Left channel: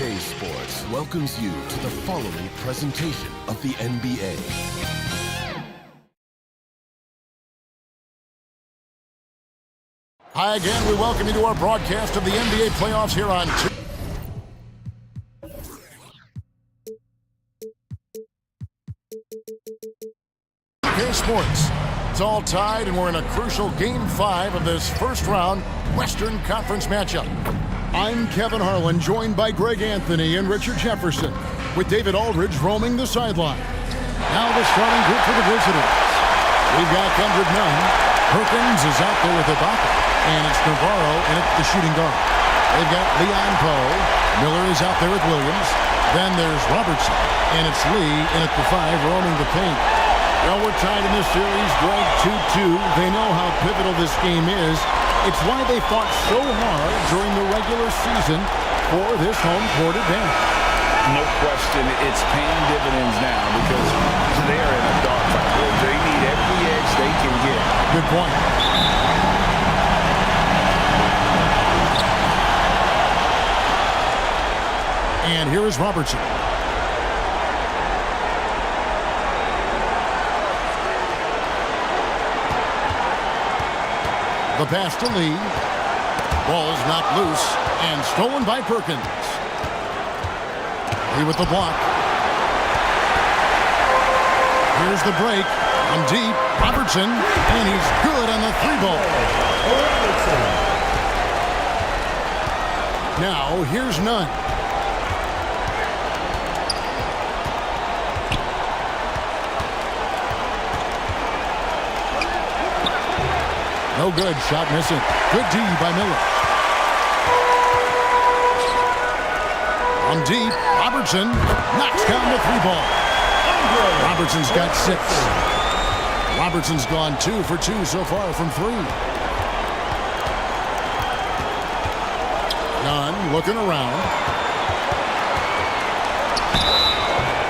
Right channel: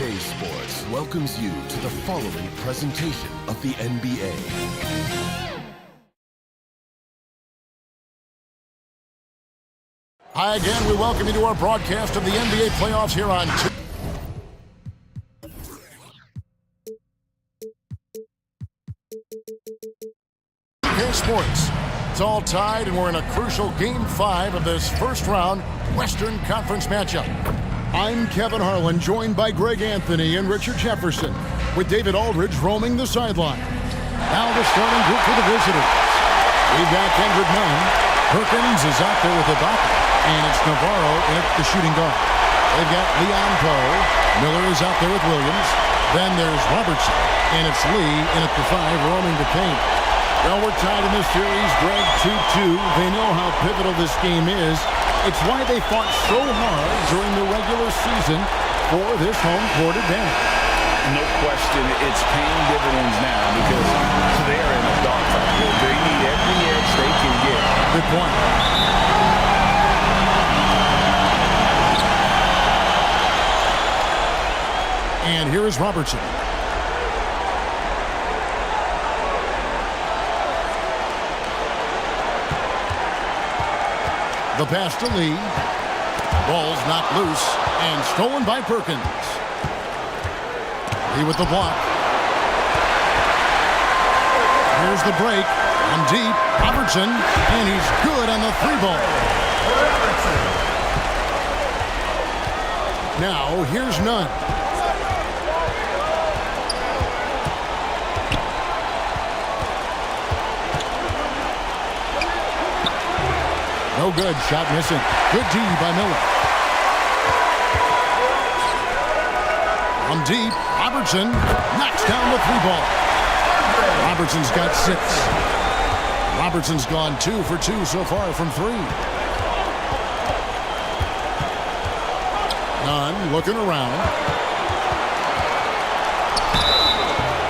TNT Sports welcomes you to the following presentation of the NBA. Hi again, we welcome you to our broadcast of the NBA playoffs here on TNT Sports. It's all tied, and we're in a crucial Game 5 of this first-round Western Conference matchup. I'm Kevin Harlan, joined by Greg Anthony and Richard Jefferson, with David Aldridge roaming the sideline. Now the starting group for the visitors. We've got Kendrick Nunn. Perkins is out there with Ibaka, and it's Navarro in at the shooting guard. They've got Leon Poe. Miller is out there with Williams. Then there's Robertson, and it's Lee in at the 5, roaming the paint. Well, we're tied in this series, Greg, 2-2. They know how pivotal this game is. It's why they fought so hard during the regular season for this home court advantage. No question, it's paying dividends now because they're in a dogfight. They need every edge they can get. Good point. And here is Robertson. The pass to Lee. Ball's knocked loose and stolen by Perkins. Lee with the block. Here's the break. On deep, Robertson, and he's good on the 3-ball. Now, here's Nunn. No good, shot missing. Good D by Miller. On deep, Robertson knocks down the 3-ball. Robertson's got 6. Robertson's gone 2 for 2 so far from 3. Nunn looking around.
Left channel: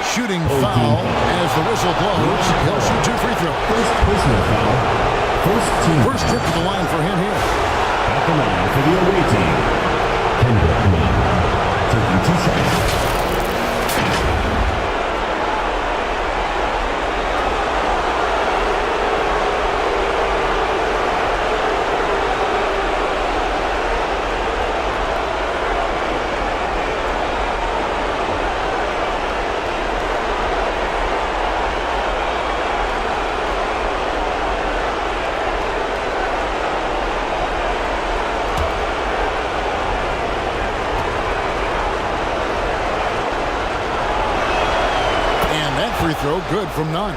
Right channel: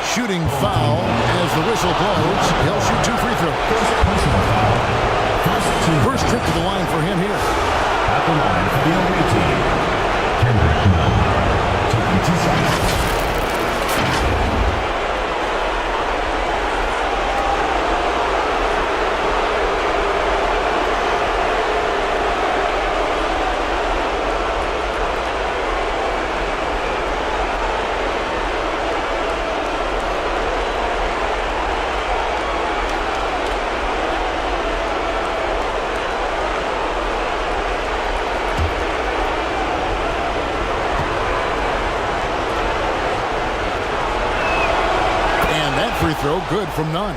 Shooting foul as the whistle blows. He'll shoot 2 free throws. First personal foul. First trip to the line for him here. At the line for the away team, Kendrick Nunn, taking 2 shots. That free throw good from Nunn.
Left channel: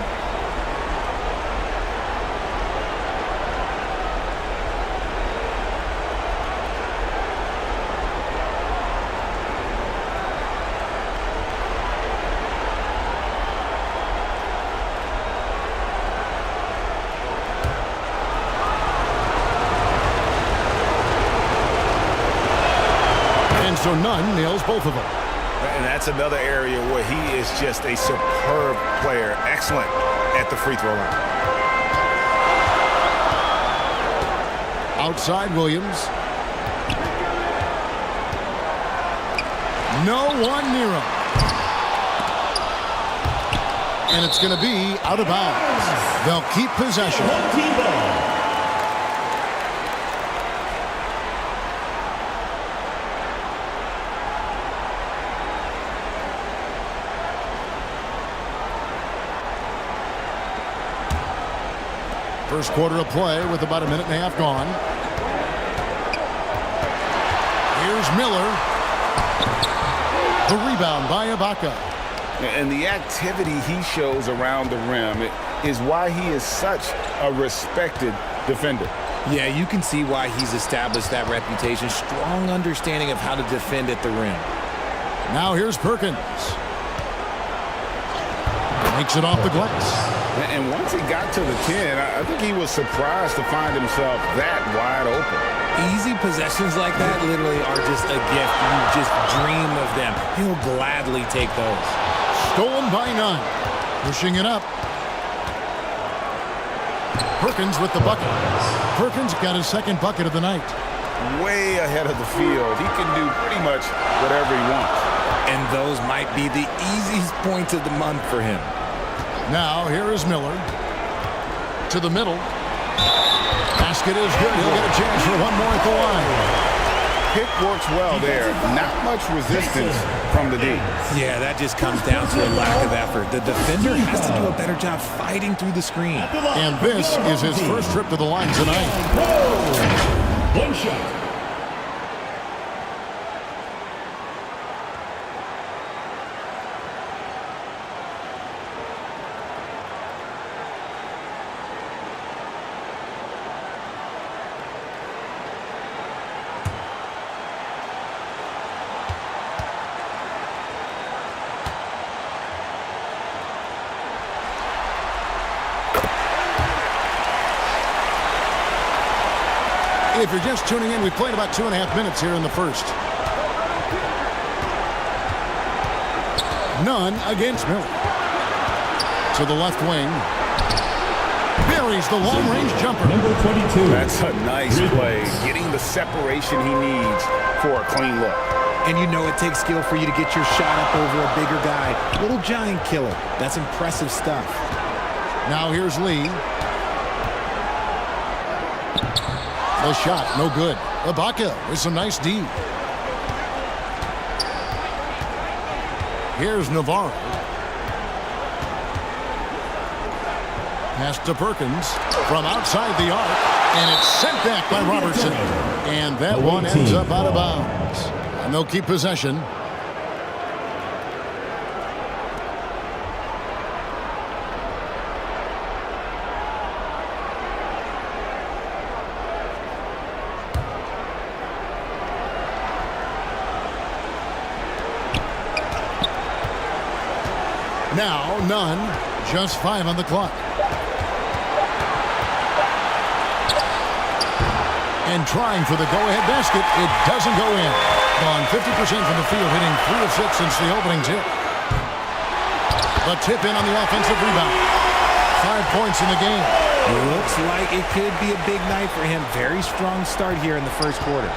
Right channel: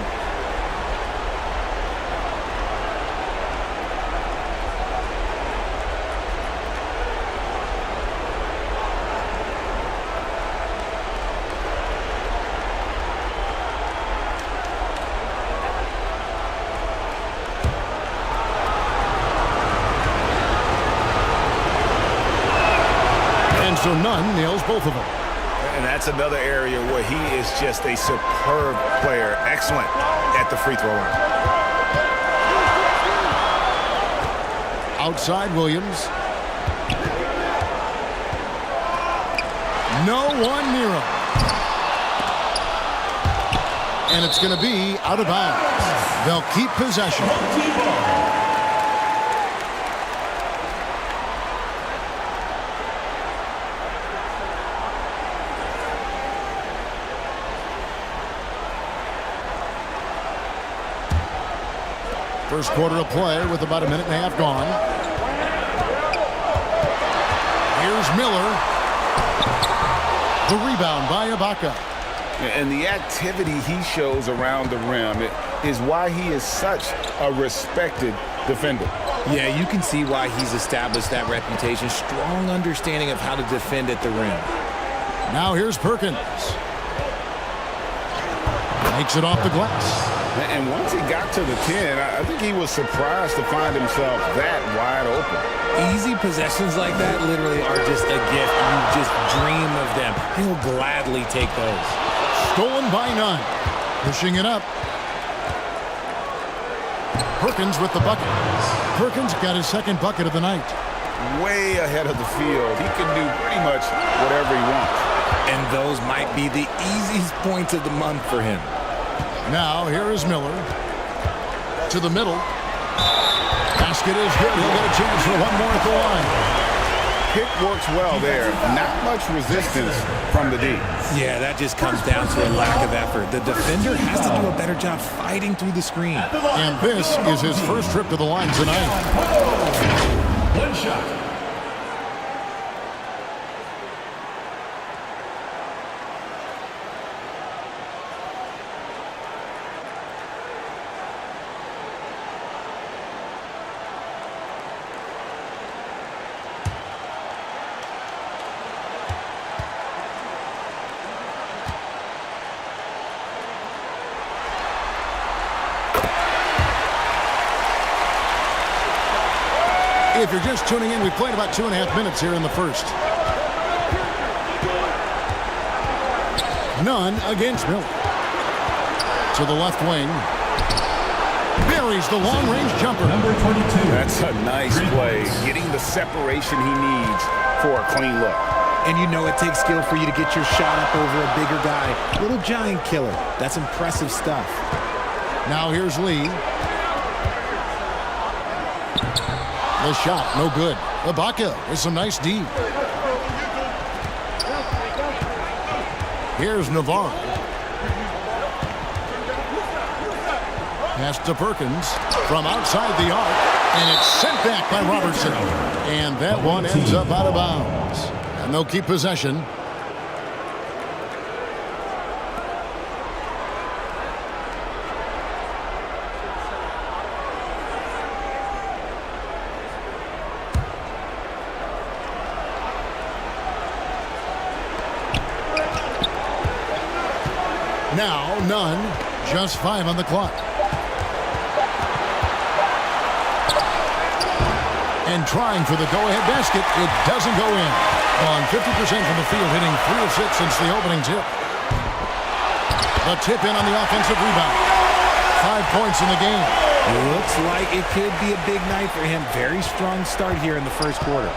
And so Nunn nails both of them. And that's another area where he is just a superb player. Excellent at the free throw line. Outside Williams. No one near him. And it's going to be out of bounds. They'll keep possession. First quarter of play with about a minute and a half gone. Here's Miller. The rebound by Ibaka. And the activity he shows around the rim is why he is such a respected defender. Yeah, you can see why he's established that reputation. Strong understanding of how to defend at the rim. Now here's Perkins. Makes it off the glass. And once he got to the 10, I think he was surprised to find himself that wide open. Easy possessions like that literally are just a gift. You just dream of them. He'll gladly take those. Stolen by Nunn. Pushing it up. Perkins with the bucket. Perkins got his second bucket of the night. Way ahead of the field. He can do pretty much whatever he wants. And those might be the easiest points of the month for him. Now, here is Miller. To the middle. Basket is good. He'll get a chance for one more at the line. Pick works well there. Not much resistance from the D. Yeah, that just comes down to a lack of effort. The defender has to do a better job fighting through the screen. And this is his first trip to the line tonight. One shot. If you're just tuning in, we played about 2.5 minutes here in the first. None against Miller. To the left wing. Buries the long-range jumper. Number 22. That's a nice play. Getting the separation he needs for a clean look. And you know it takes skill for you to get your shot up over a bigger guy. Little giant killer. That's impressive stuff. Now here's Lee. The shot, no good. Ibaka with some nice D. Here's Navarro. Pass to Perkins from outside the arc, and it's sent back by Robertson. And that one ends up out of bounds. And they'll keep possession. Now, none. Just 5 on the clock. And trying for the go-ahead basket. It doesn't go in. Gone 50% from the field, hitting 3 of 6 since the opening tip. The tip in on the offensive rebound. 5 points in the game. Looks like it could be a big night for him. Very strong start here in the first quarter.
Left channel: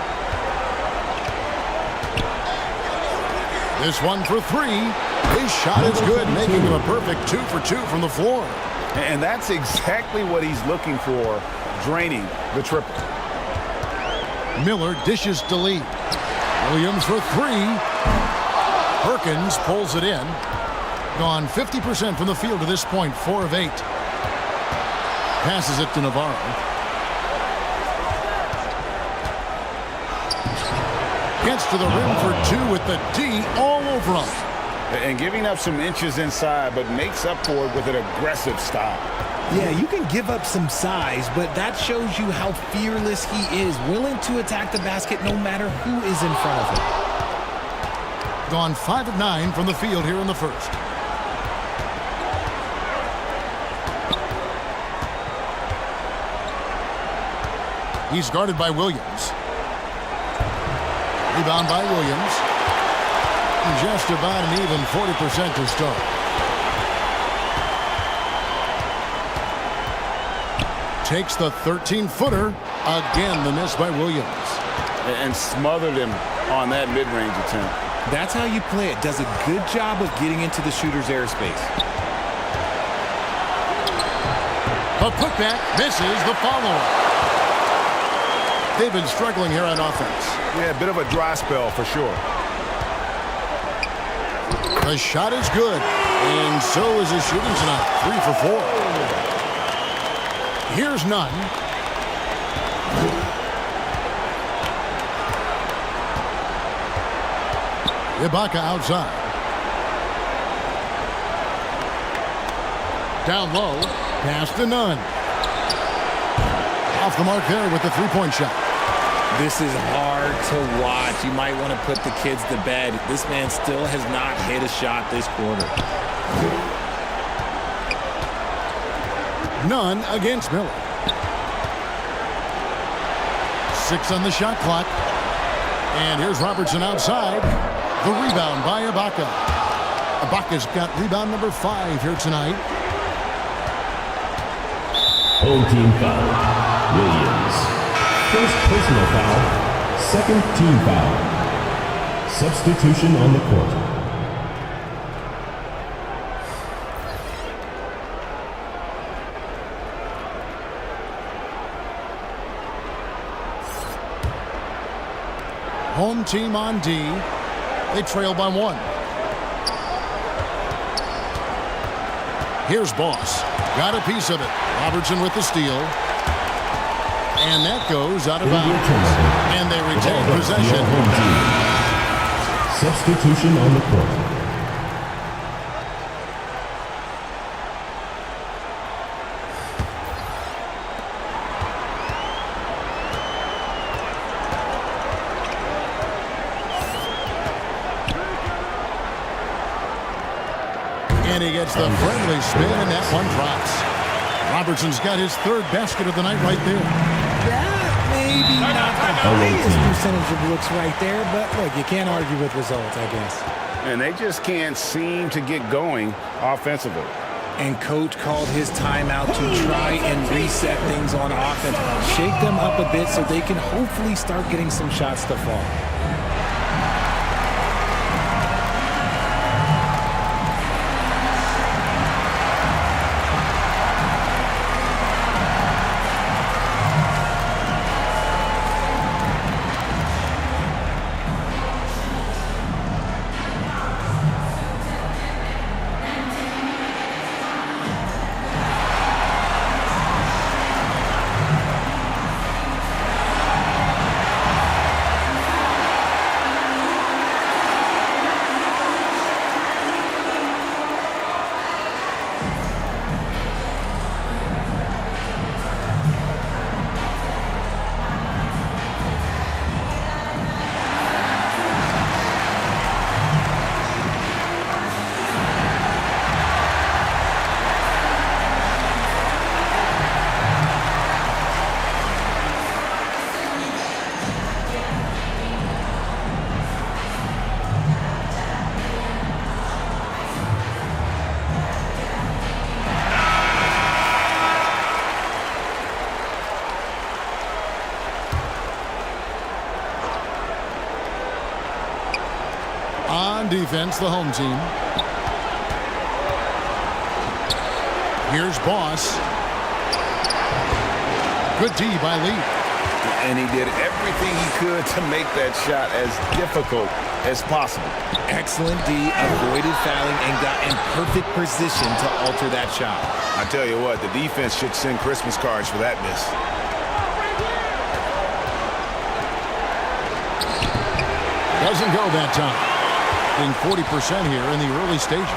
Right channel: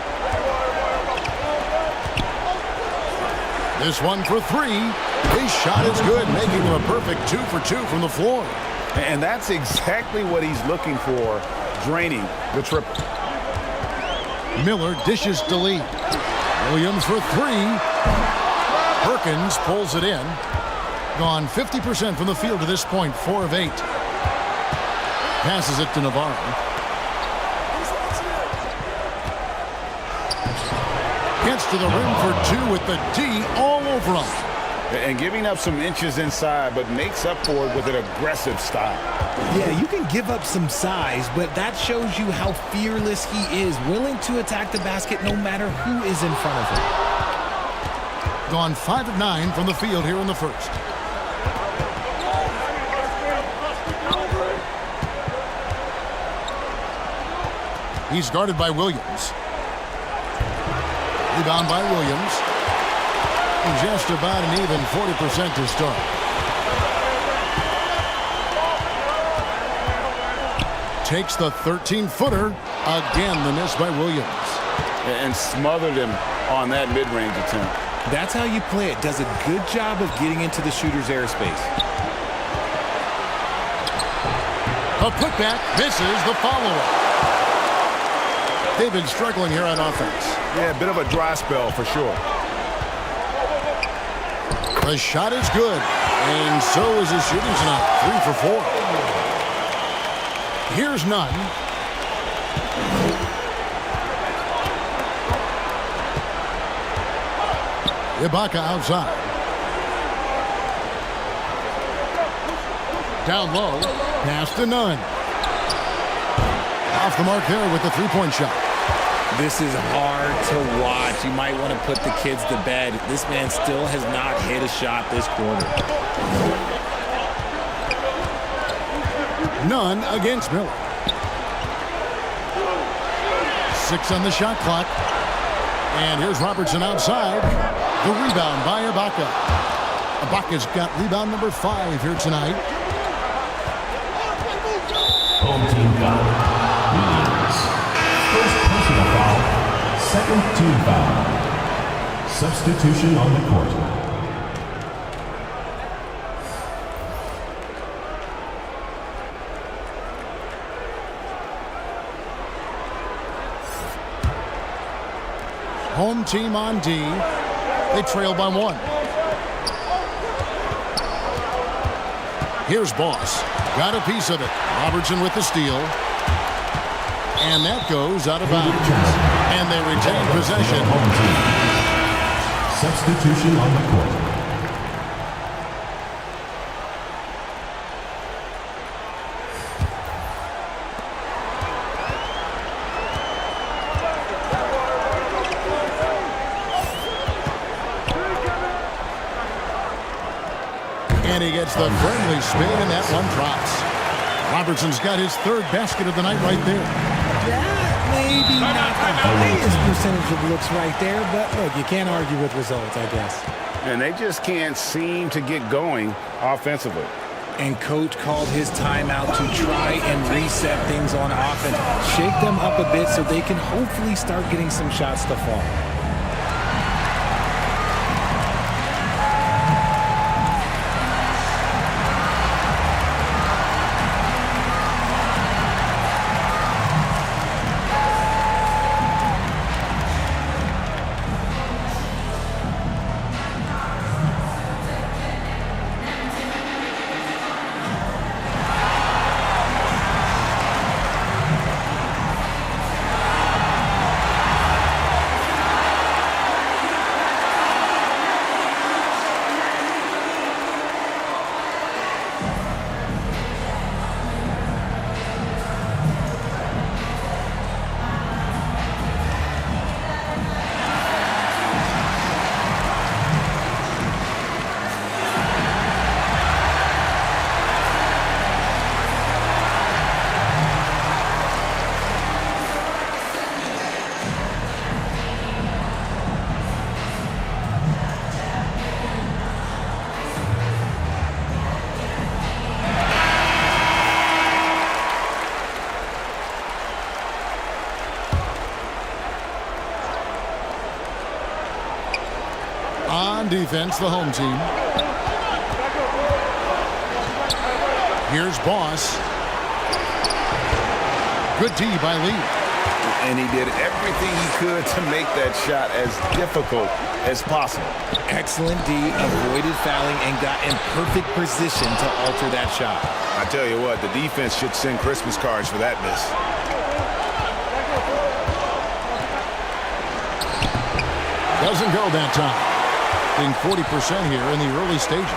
This one for 3. His shot is good, making him a perfect 2 for 2 from the floor. And that's exactly what he's looking for, draining the triple. Miller dishes to Lee. Williams for 3. Perkins pulls it in. Gone 50% from the field to this point, 4 of 8. Passes it to Navarro. Gets to the rim for 2 with the D all over him. And giving up some inches inside, but makes up for it with an aggressive style. Yeah, you can give up some size, but that shows you how fearless he is, willing to attack the basket no matter who is in front of him. Gone 5 of 9 from the field here in the first. He's guarded by Williams. Rebound by Williams. Just about an even 40% to start. Takes the 13-footer. Again, the miss by Williams. And smothered him on that mid-range attempt. That's how you play it. Does a good job of getting into the shooter's airspace. A putback misses the follow-up. They've been struggling here on offense. Yeah, a bit of a dry spell for sure. The shot is good, and so is his shooting tonight. 3 for 4. Here's none. Ibaka outside. Down low, pass to none. Off the mark there with the 3-point shot. This is hard to watch. You might want to put the kids to bed. This man still has not hit a shot this quarter. None against Miller. 6 on the shot clock. And here's Robertson outside. The rebound by Ibaka. Ibaka's got rebound number 5 here tonight. Home team foul. Williams. First personal foul. Second team foul. Substitution on the court. Home team on D. They trail by 1. Here's Boss. Got a piece of it. Robertson with the steal. And that goes out of bounds. And they retain possession. Home team. Substitution on the court. And he gets the friendly spin, and that one drops. Robertson's got his 3rd basket of the night right there. That maybe not the highest percentage of looks right there, but look, you can't argue with results, I guess. And they just can't seem to get going offensively. And coach called his timeout to try and reset things on offense. Shake them up a bit so they can hopefully start getting some shots to fall. On defense, the home team. Here's Boss. Good D by Lee. And he did everything he could to make that shot as difficult as possible. Excellent D, avoided fouling and got in perfect position to alter that shot. I tell you what, the defense should send Christmas cards for that miss. Doesn't go that time. Being 40% here in the early stages.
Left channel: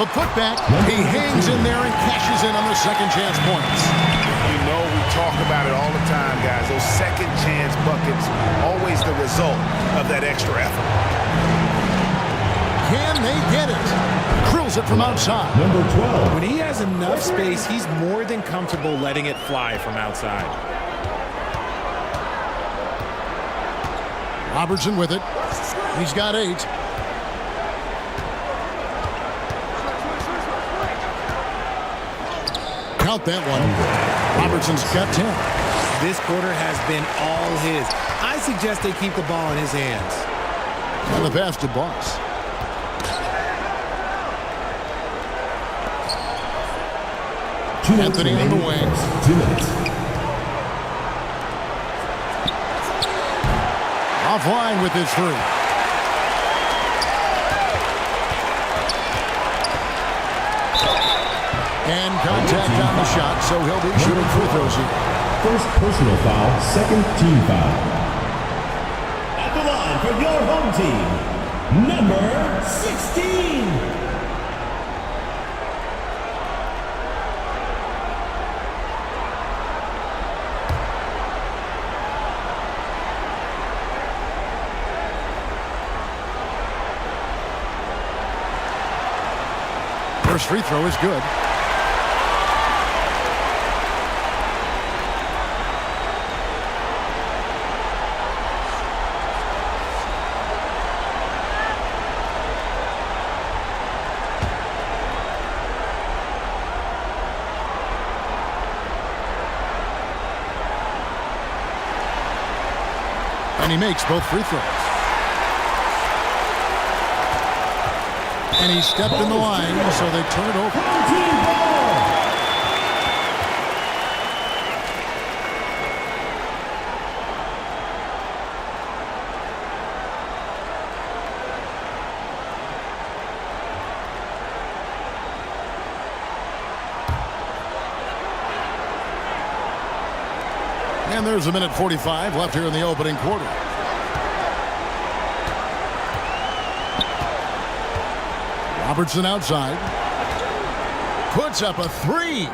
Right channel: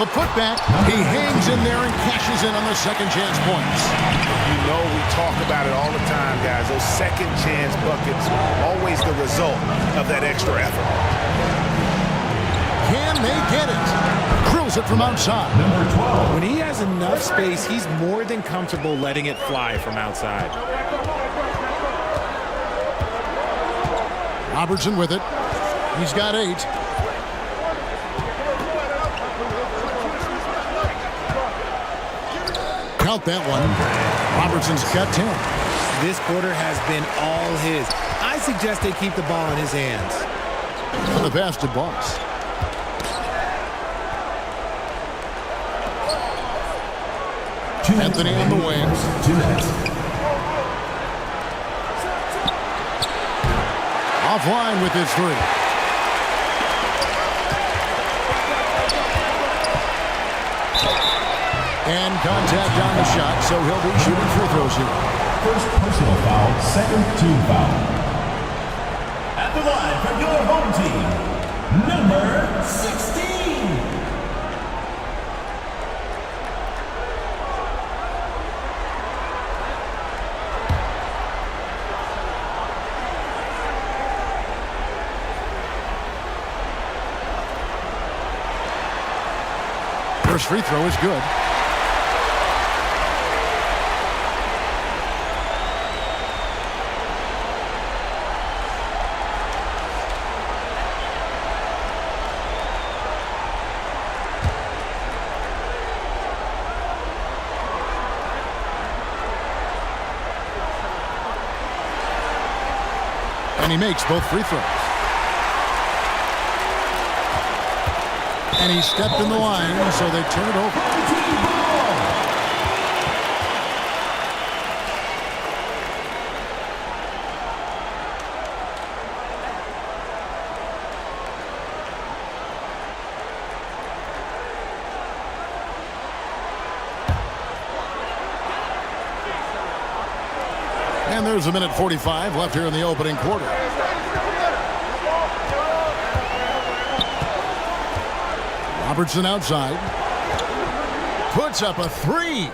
The putback, he hangs in there and cashes in on the second chance points. You know we talk about it all the time, guys. Those second chance buckets, always the result of that extra effort. Can they get it? Drills it from outside. Number 12. When he has enough space, he's more than comfortable letting it fly from outside. Robertson with it. He's got 8. Count that one. Robertson's got 10. This quarter has been all his. I suggest they keep the ball in his hands. And the pass to Boss. Anthony on the wing. 2 minutes. Offline with his 3. And contact on the shot, so he'll be shooting free throws here. First personal foul, second team foul. At the line for your home team, number 16. First free throw is good. And he makes both free throws. And he stepped in the line, so they turn it over. And there's a minute 45 left here in the opening quarter. Robertson outside. Puts up a three.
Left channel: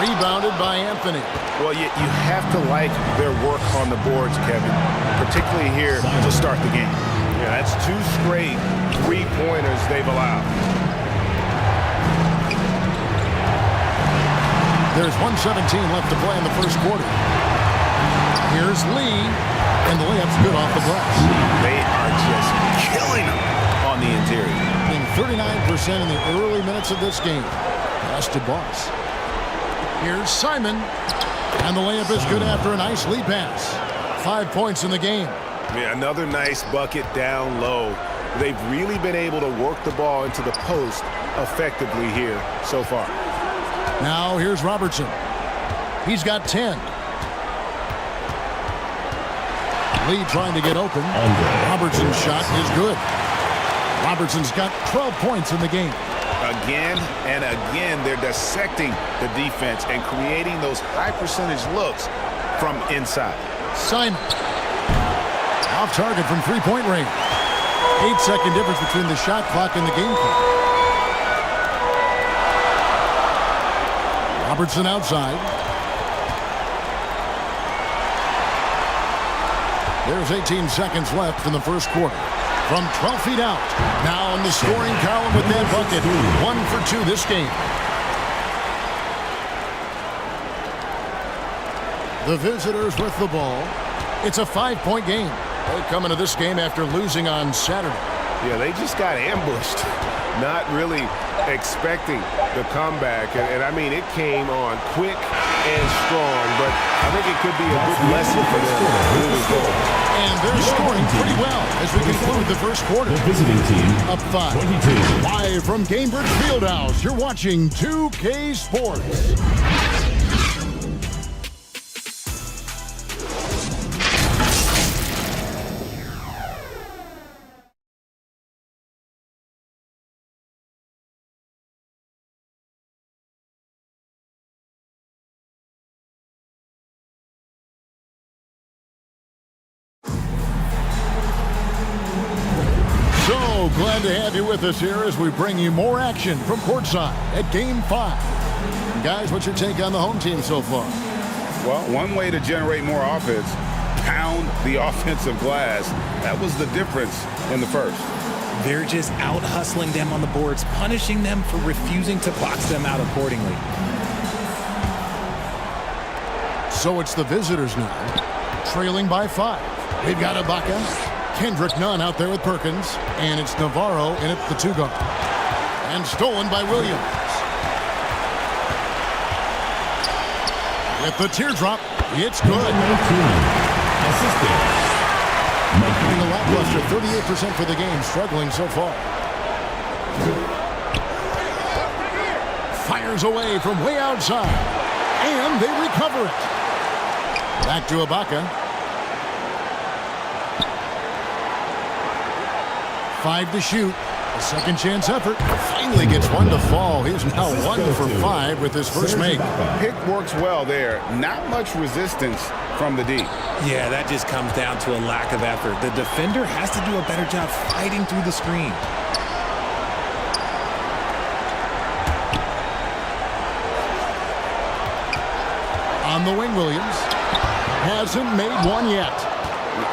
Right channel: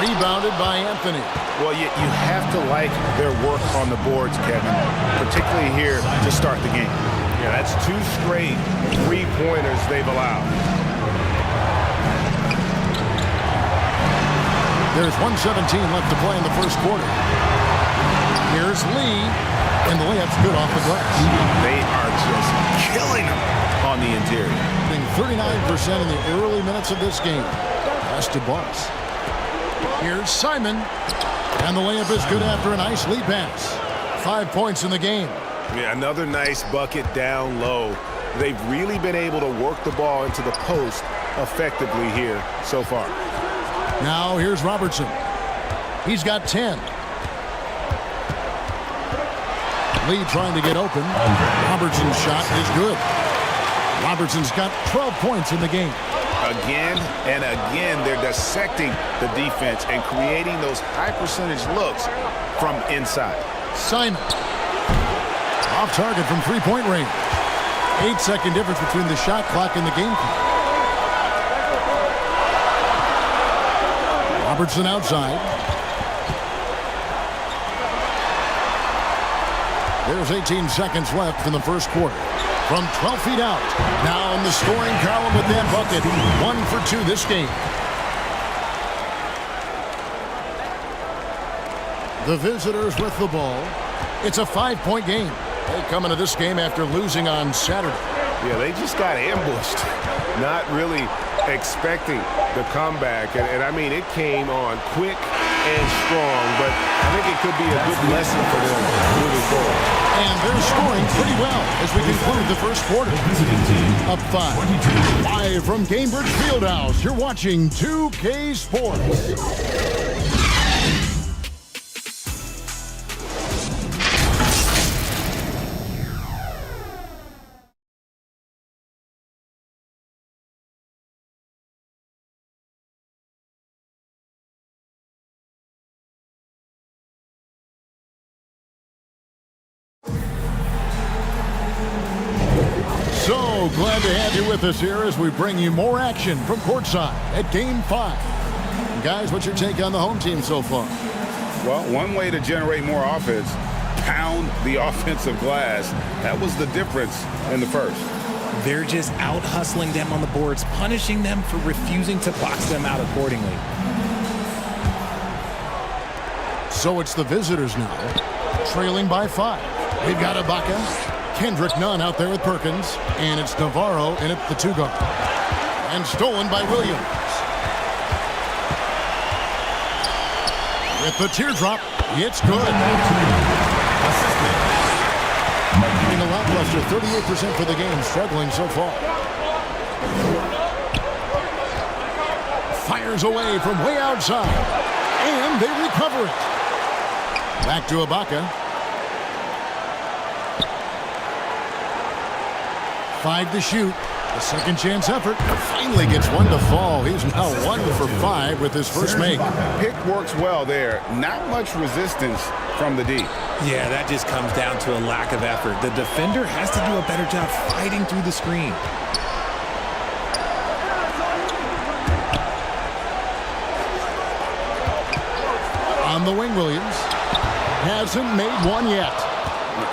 Rebounded by Anthony. Well, you have to like their work on the boards, Kevin, particularly here to start the game. Yeah, that's 2 straight three-pointers they've allowed. There's 1:17 left to play in the first quarter. Here's Lee, and the layup's good off the glass. They are just killing them on the interior. Being 39% in the early minutes of this game. Pass to Boss. Here's Simon, and the layup is good after a nice lead pass. 5 points in the game. Yeah, another nice bucket down low. They've really been able to work the ball into the post effectively here so far. Now here's Robertson. He's got 10. Lee trying to get open. Robertson's shot is good. Robertson's got 12 points in the game. Again and again, they're dissecting the defense and creating those high percentage looks from inside. Simon. Off target from three-point range. 8-second difference between the shot clock and the game clock. Robertson outside. There's 18 seconds left in the first quarter. From 12 feet out. Now in the scoring column with that bucket. 1 for 2 this game. The visitors with the ball. It's a 5-point game. They come into this game after losing on Saturday. Yeah, they just got ambushed. Not really expecting the comeback. And I mean, it came on quick and strong, but I think it could be a good lesson for them moving forward. And they're scoring pretty well as we conclude the first quarter. The visiting team Up 5. 22. Live from Cambridge Fieldhouse, you're watching 2K Sports. So glad to have you with us here as we bring you more action from courtside at Game 5. And guys, what's your take on the home team so far? Well, one way to generate more offense, pound the offensive glass. That was the difference in the first. They're just out hustling them on the boards, punishing them for refusing to box them out accordingly. So it's the visitors now, trailing by 5. We've got Ibaka. Kendrick Nunn out there with Perkins, and it's Navarro in at the 2 guard. And stolen by Williams. With the teardrop, it's good. 19. Assisted. Getting a lackluster 38% for the game, struggling so far. Fires away from way outside, and they recover it. Back to Ibaka. 5 to shoot. A second chance effort. Finally gets one to fall. He's now 1 for 5 with his first make. Pick works well there. Not much resistance from the D. Yeah, that just comes down to a lack of effort. The defender has to do a better job fighting through the screen. On the wing, Williams. Hasn't made one yet.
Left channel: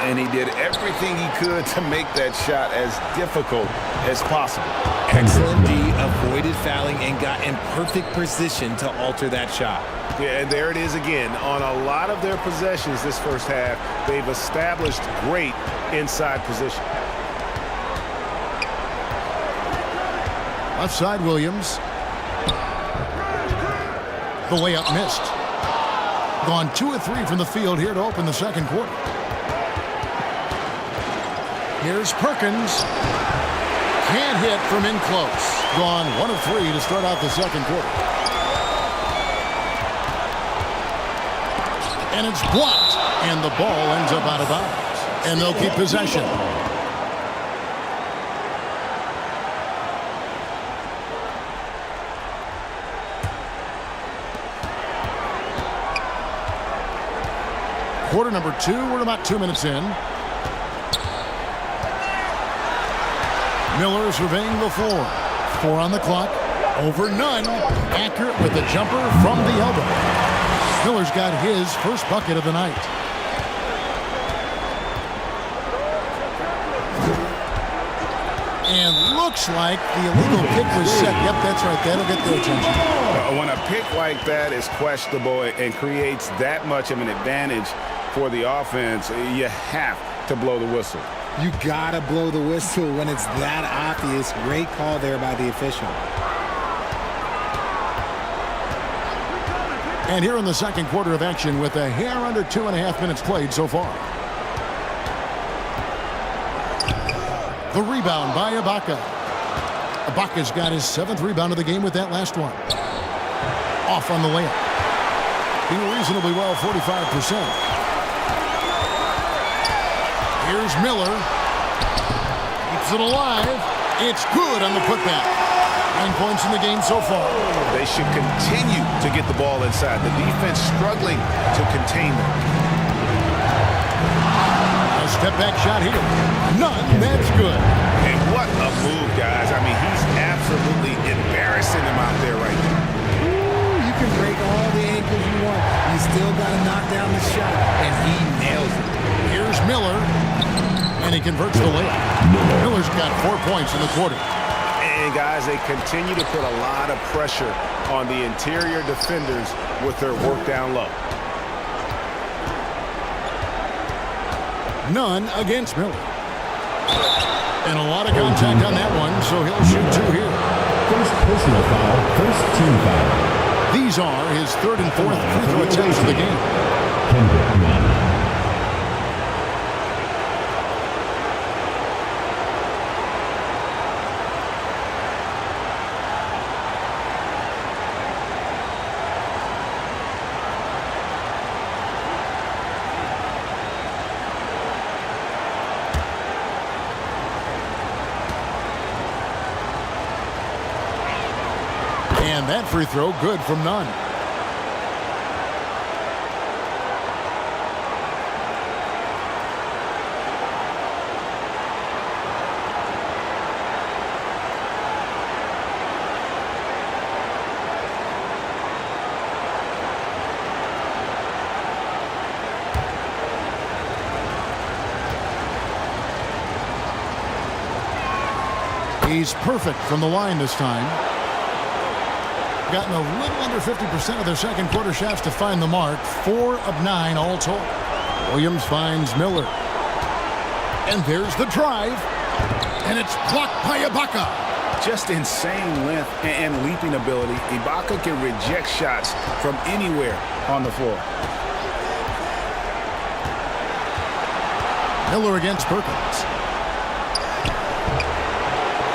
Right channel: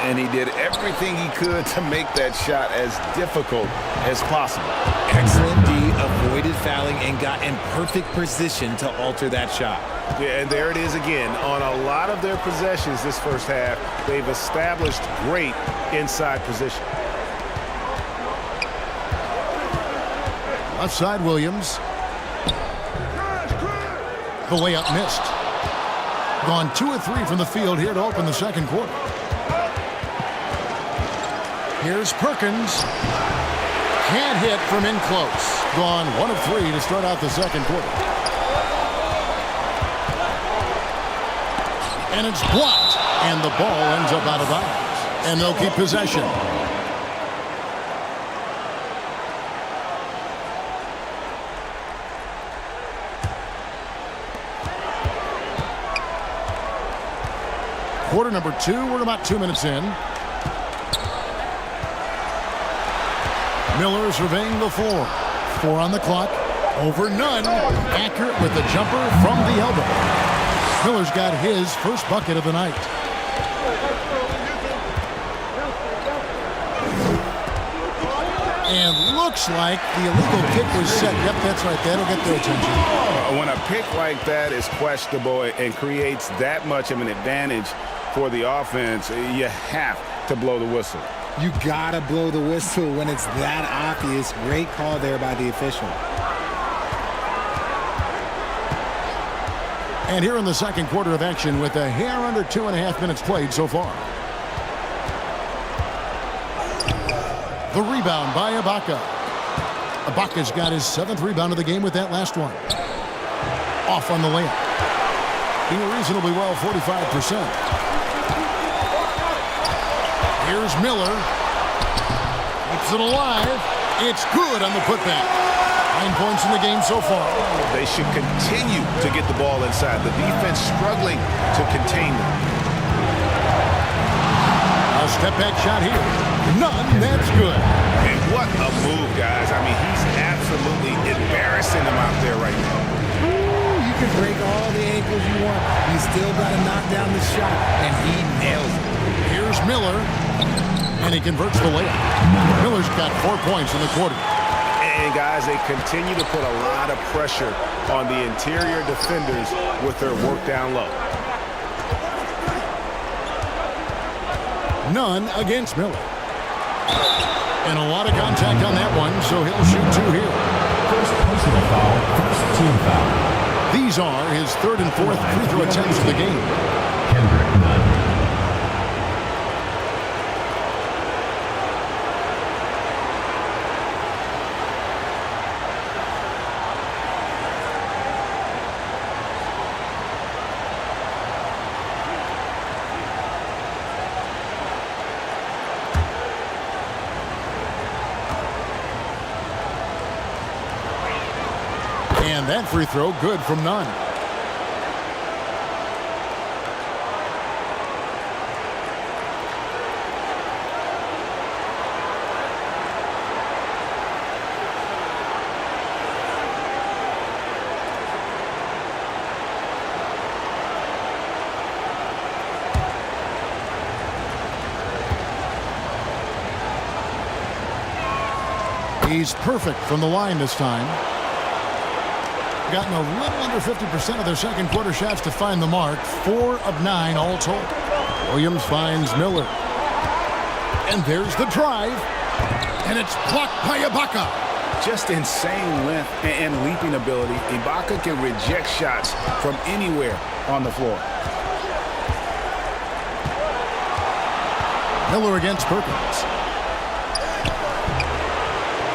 And he did everything he could to make that shot as difficult as possible. Excellent D, avoided fouling and got in perfect position to alter that shot. Yeah, and there it is again. On a lot of their possessions this first half, they've established great inside position. Left side, Williams. The layup missed. Gone 2 of 3 from the field here to open the second quarter. Here's Perkins. Can't hit from in close. Gone 1 of 3 to start out the second quarter. And it's blocked. And the ball ends up out of bounds. And they'll keep possession. Quarter number 2, we're about 2 minutes in. Miller surveying the floor. 4 on the clock. Over none. Accurate with the jumper from the elbow. Miller's got his first bucket of the night. And looks like the illegal kick was set. Yep, that's right. That'll get their attention. When a pick like that is questionable and creates that much of an advantage for the offense, you have to blow the whistle. You gotta blow the whistle when it's that obvious. Great call there by the official. And here in the second quarter of action with a hair under 2.5 minutes played so far. The rebound by Ibaka. Ibaka's got his 7th rebound of the game with that last one. Off on the layup. Being reasonably well, 45%. Here's Miller. Keeps it alive. It's good on the putback. 9 points in the game so far. They should continue to get the ball inside. The defense struggling to contain them. A step back shot here. None. That's good. And what a move, guys. I mean, he's absolutely embarrassing them out there right now. You can break all the ankles you want. You still got to knock down the shot, and he nails it. Here's Miller, and he converts the layup. Miller's got 4 points in the quarter. And, guys, they continue to put a lot of pressure on the interior defenders with their work down low. None against Miller. And a lot of contact on that one, so he'll shoot 2 here. First personal foul, first team foul. These are his 3rd and 4th free throw attempts of the game. Kendrick Nunn. And that free throw good from Nunn. He's perfect from the line this time. Gotten a little under 50% of their second quarter shots to find the mark. 4 of 9 all told. Williams finds Miller. And there's the drive. And it's blocked by Ibaka. Just insane length and leaping ability. Ibaka can reject shots from anywhere on the floor. Miller against Perkins.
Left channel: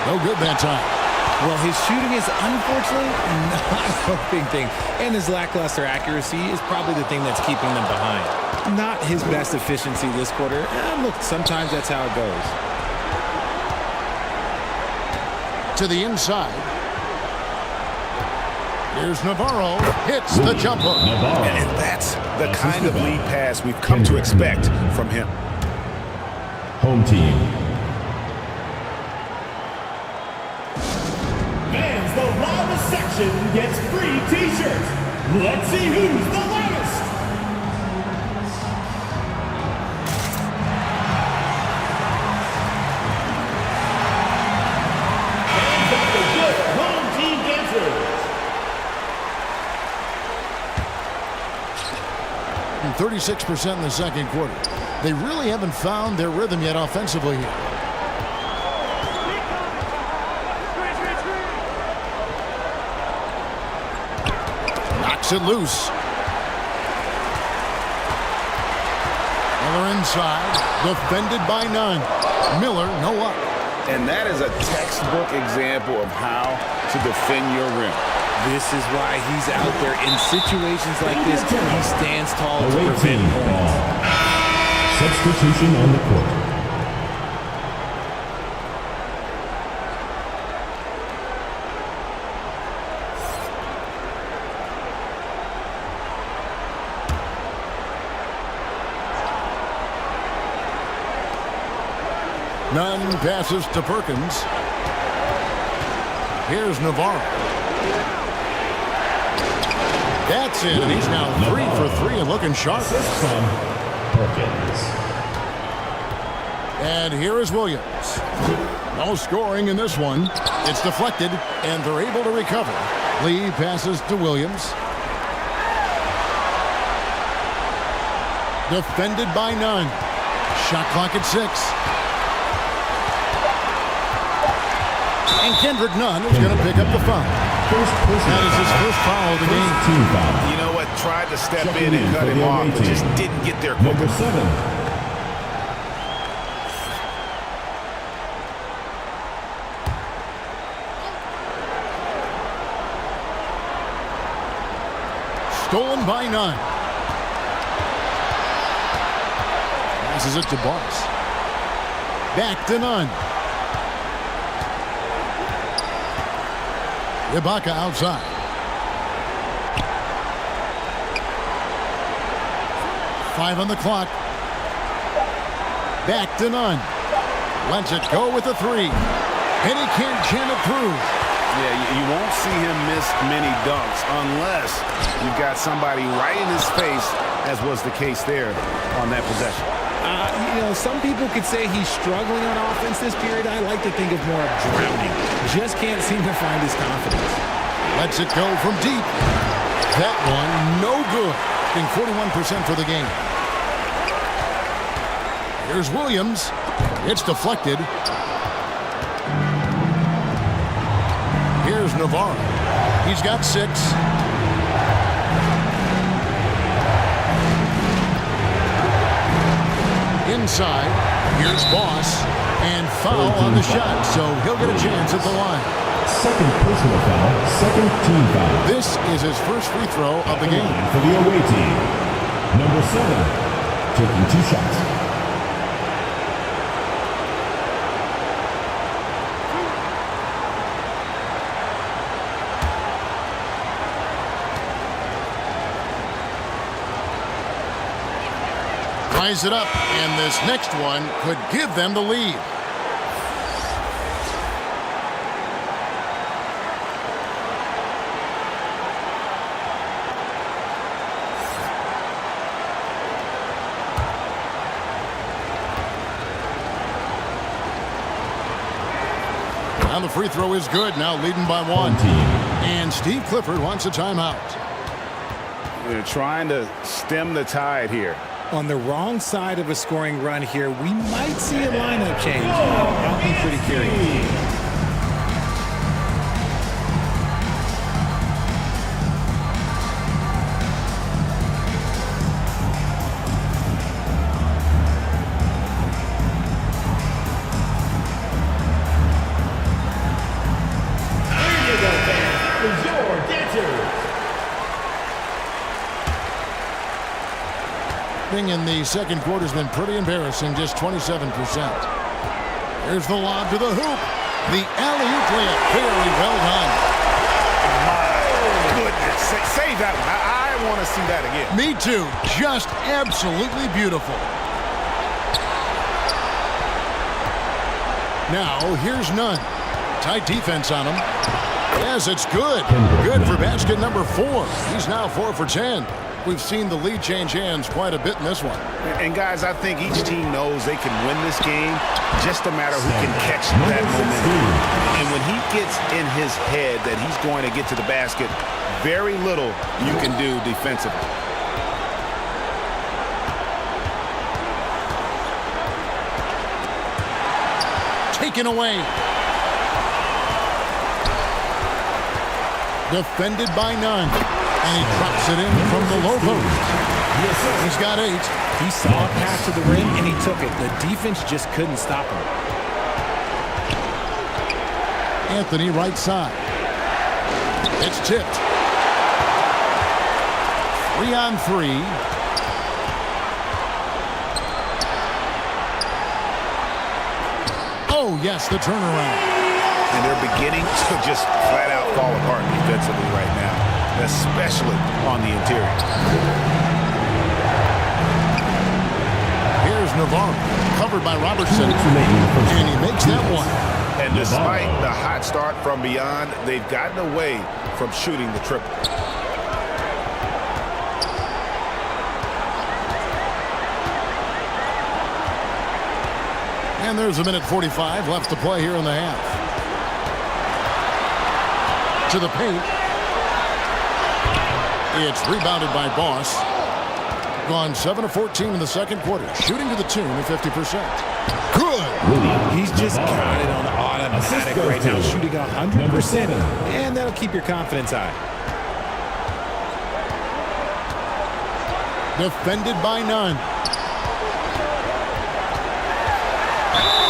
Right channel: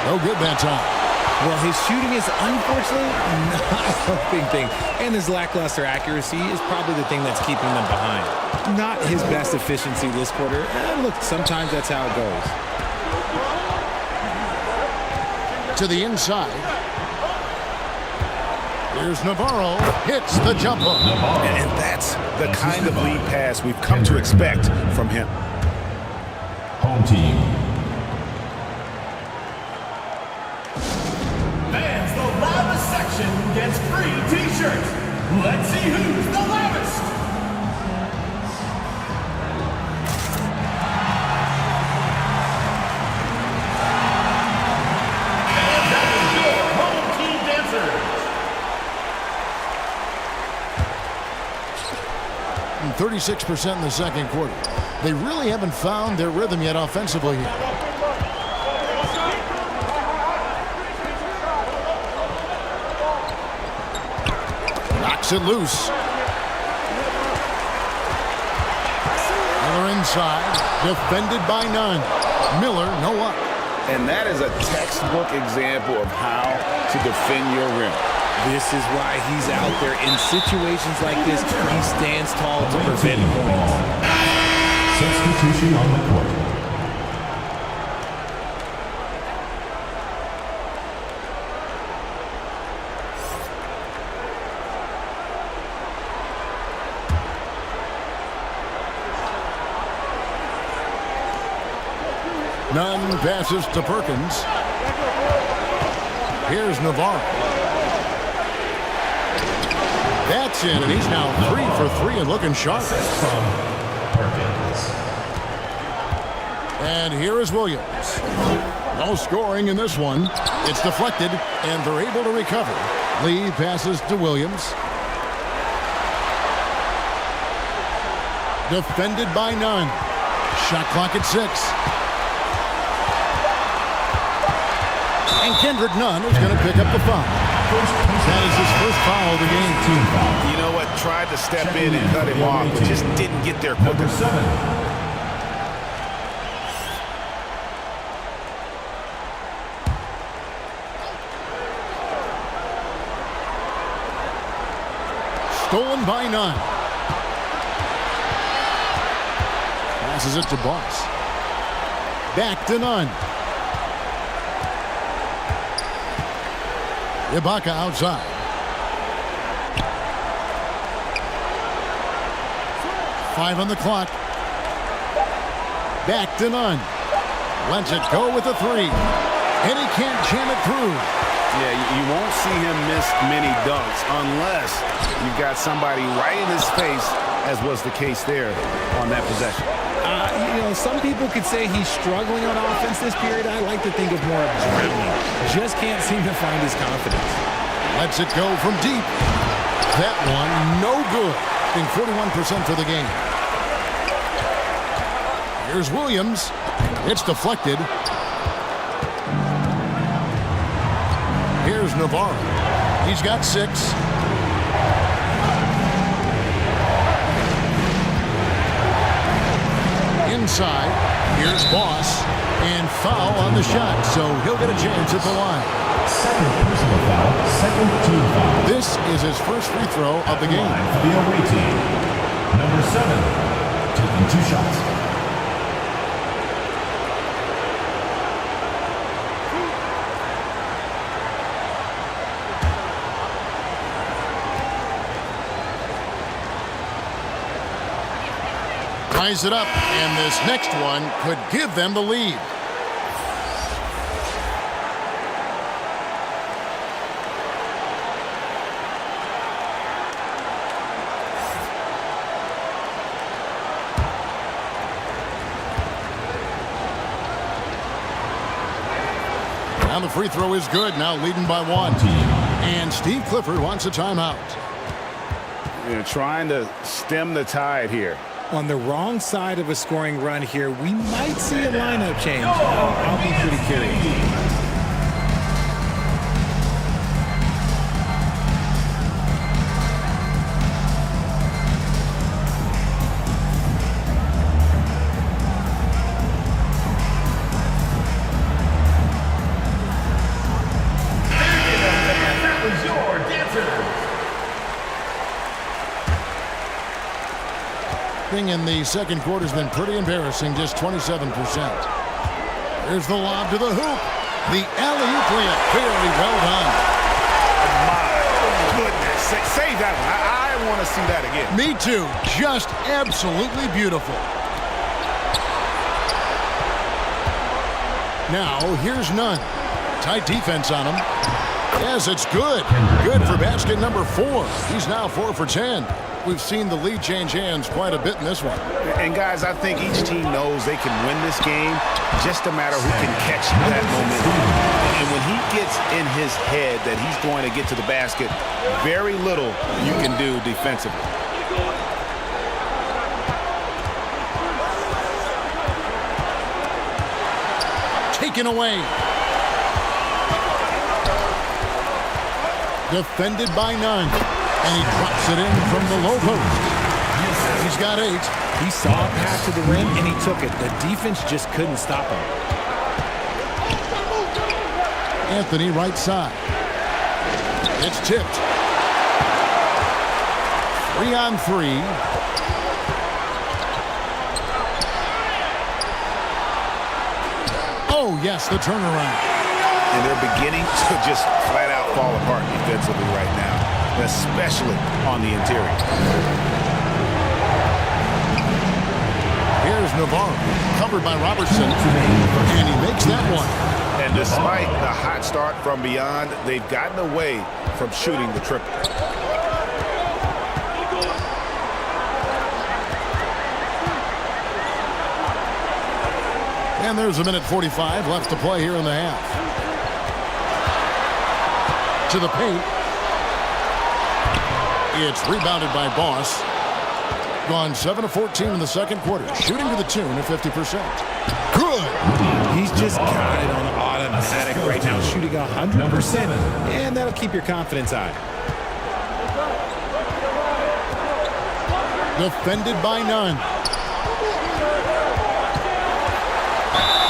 No good that time. Well, his shooting is unfortunately not a helping thing. And his lackluster accuracy is probably the thing that's keeping them behind. Not his best efficiency this quarter. Look, sometimes that's how it goes. To the inside. Here's Navarro. Hits the jumper. And that's the kind of lead pass we've come to expect from him. Home team. Fans, the loudest section gets free t-shirts. Let's see who's the loudest. And that is your home team dancers. 36% in the second quarter. They really haven't found their rhythm yet offensively here. Knocks it loose. Miller inside, defended by Nunn. Miller, no luck. And that is a textbook example of how to defend your rim. This is why he's out there in situations like this. He stands tall to prevent points. Substitution on the court. Nunn passes to Perkins. Here's Navarro. That's in, and he's now 3 for 3 and looking sharp. From Perkins. And here is Williams. No scoring in this one. It's deflected, and they're able to recover. Lee passes to Williams. Defended by Nunn. Shot clock at 6. And Kendrick Nunn is going to pick up the foul. That is his first foul of the game. You know what? Tried to step in and cut him off, but just didn't get there quick enough. Number 7. Stolen by Nunn. Passes it to Boss. Back to Nunn. Ibaka outside. Five on the clock. Back to Nunn. Lets it go with a 3. And he can't jam it through. Yeah, you won't see him miss many dunks unless you've got somebody right in his face, as was the case there on that possession. You know, some people could say he's struggling on offense this period. I like to think of more of drowning. Just can't seem to find his confidence. Lets it go from deep. That one, no good. Being 41% for the game. Here's Williams. It's deflected. Here's Navarro. He's got 6. Inside, here's Boss, and foul on the shot, so he'll get a chance at the line. Second personal foul, second team foul. This is his first free throw of the game. For the away team. Number 7, taking 2 shots. Ties it up, and this next one could give them the lead. Now the free throw is good, now leading by 1. And Steve Clifford wants a timeout. You're trying to stem the tide here. On the wrong side of a scoring run here, we might see a lineup change. I'll be pretty curious. That was your dancers. In the second quarter has been pretty embarrassing, just 27%. Here's the lob to the hoop. The alley-oop layup, very well done. My goodness. Save that one. I want to see that again. Me too. Just absolutely beautiful. Now, here's Nunn. Tight defense on him. Yes, it's good. Good for basket number 4. He's now 4 for 10. We've seen the lead change hands quite a bit in this one. And guys, I think each team knows they can win this game, just a matter who can catch that momentum. And when he gets in his head that he's going to get to the basket, very little you can do defensively. Taken away. Defended by Nunn. And he drops it in from the low post. He's got 8. He saw a path to the rim, and he took it. The defense just couldn't stop him. Anthony right side. It's tipped. 3-on-3. Oh, yes, the turnaround. And they're beginning to just flat out fall apart defensively right now, especially on the interior. Here's Navarro, covered by Robertson, and he makes that one. And despite the hot start from beyond, they've gotten away from shooting the triple. And there's 1:45 left to play here in the half. To the paint. It's rebounded by Boss. Gone 7 of 14 in the second quarter, shooting to the tune of 50%. Good. He's just got it on automatic right now, shooting 100%, and that'll keep your confidence high. Defended by none.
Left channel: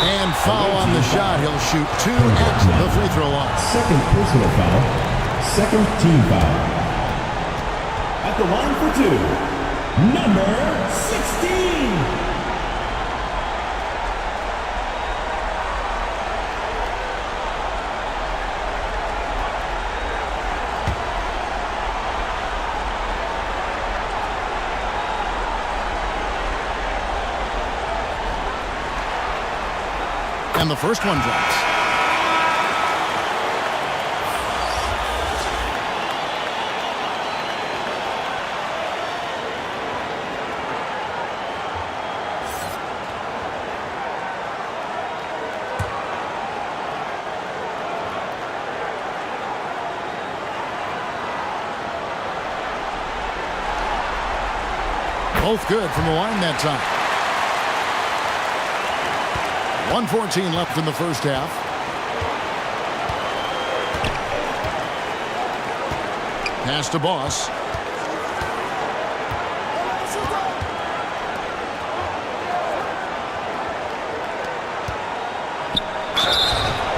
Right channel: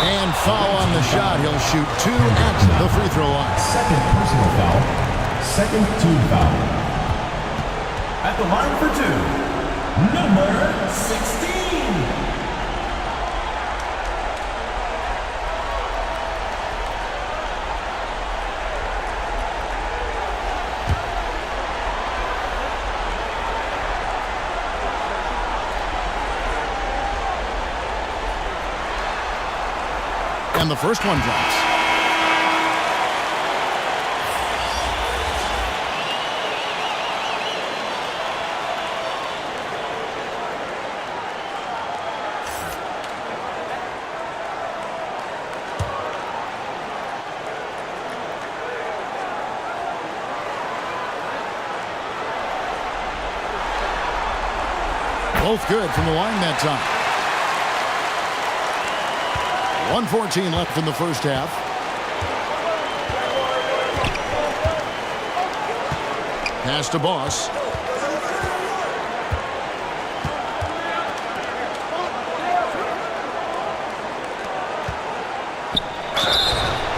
And foul on the shot. He'll shoot 2 at the free throw line. Second personal foul. Second team foul. At the line for 2, number 16. And the first one drops. Both good from the line that time. 1:14 left in the first half. Pass to Boss.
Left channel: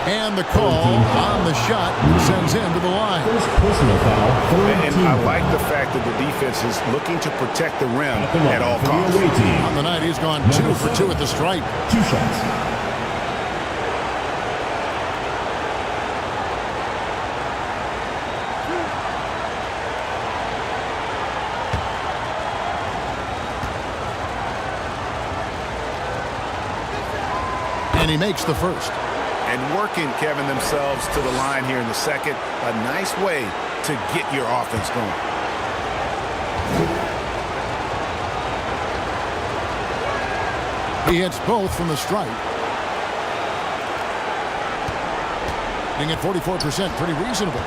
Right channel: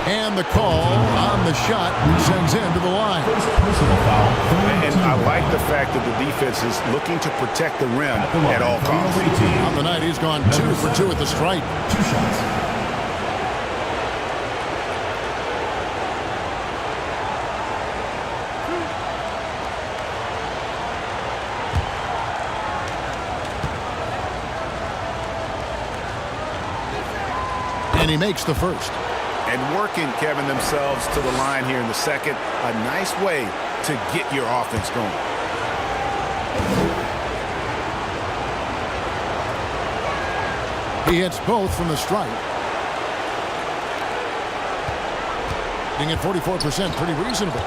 And the call on the shot sends him to the line. First personal foul. And I like the fact that the defense is looking to protect the rim at all costs. On the night, he's gone 2 for 2 at the stripe. 2 shots. And he makes the first. And working, Kevin, themselves to the line here in the second. A nice way to get your offense going. He hits both from the stripe. Being at 44%, pretty reasonable.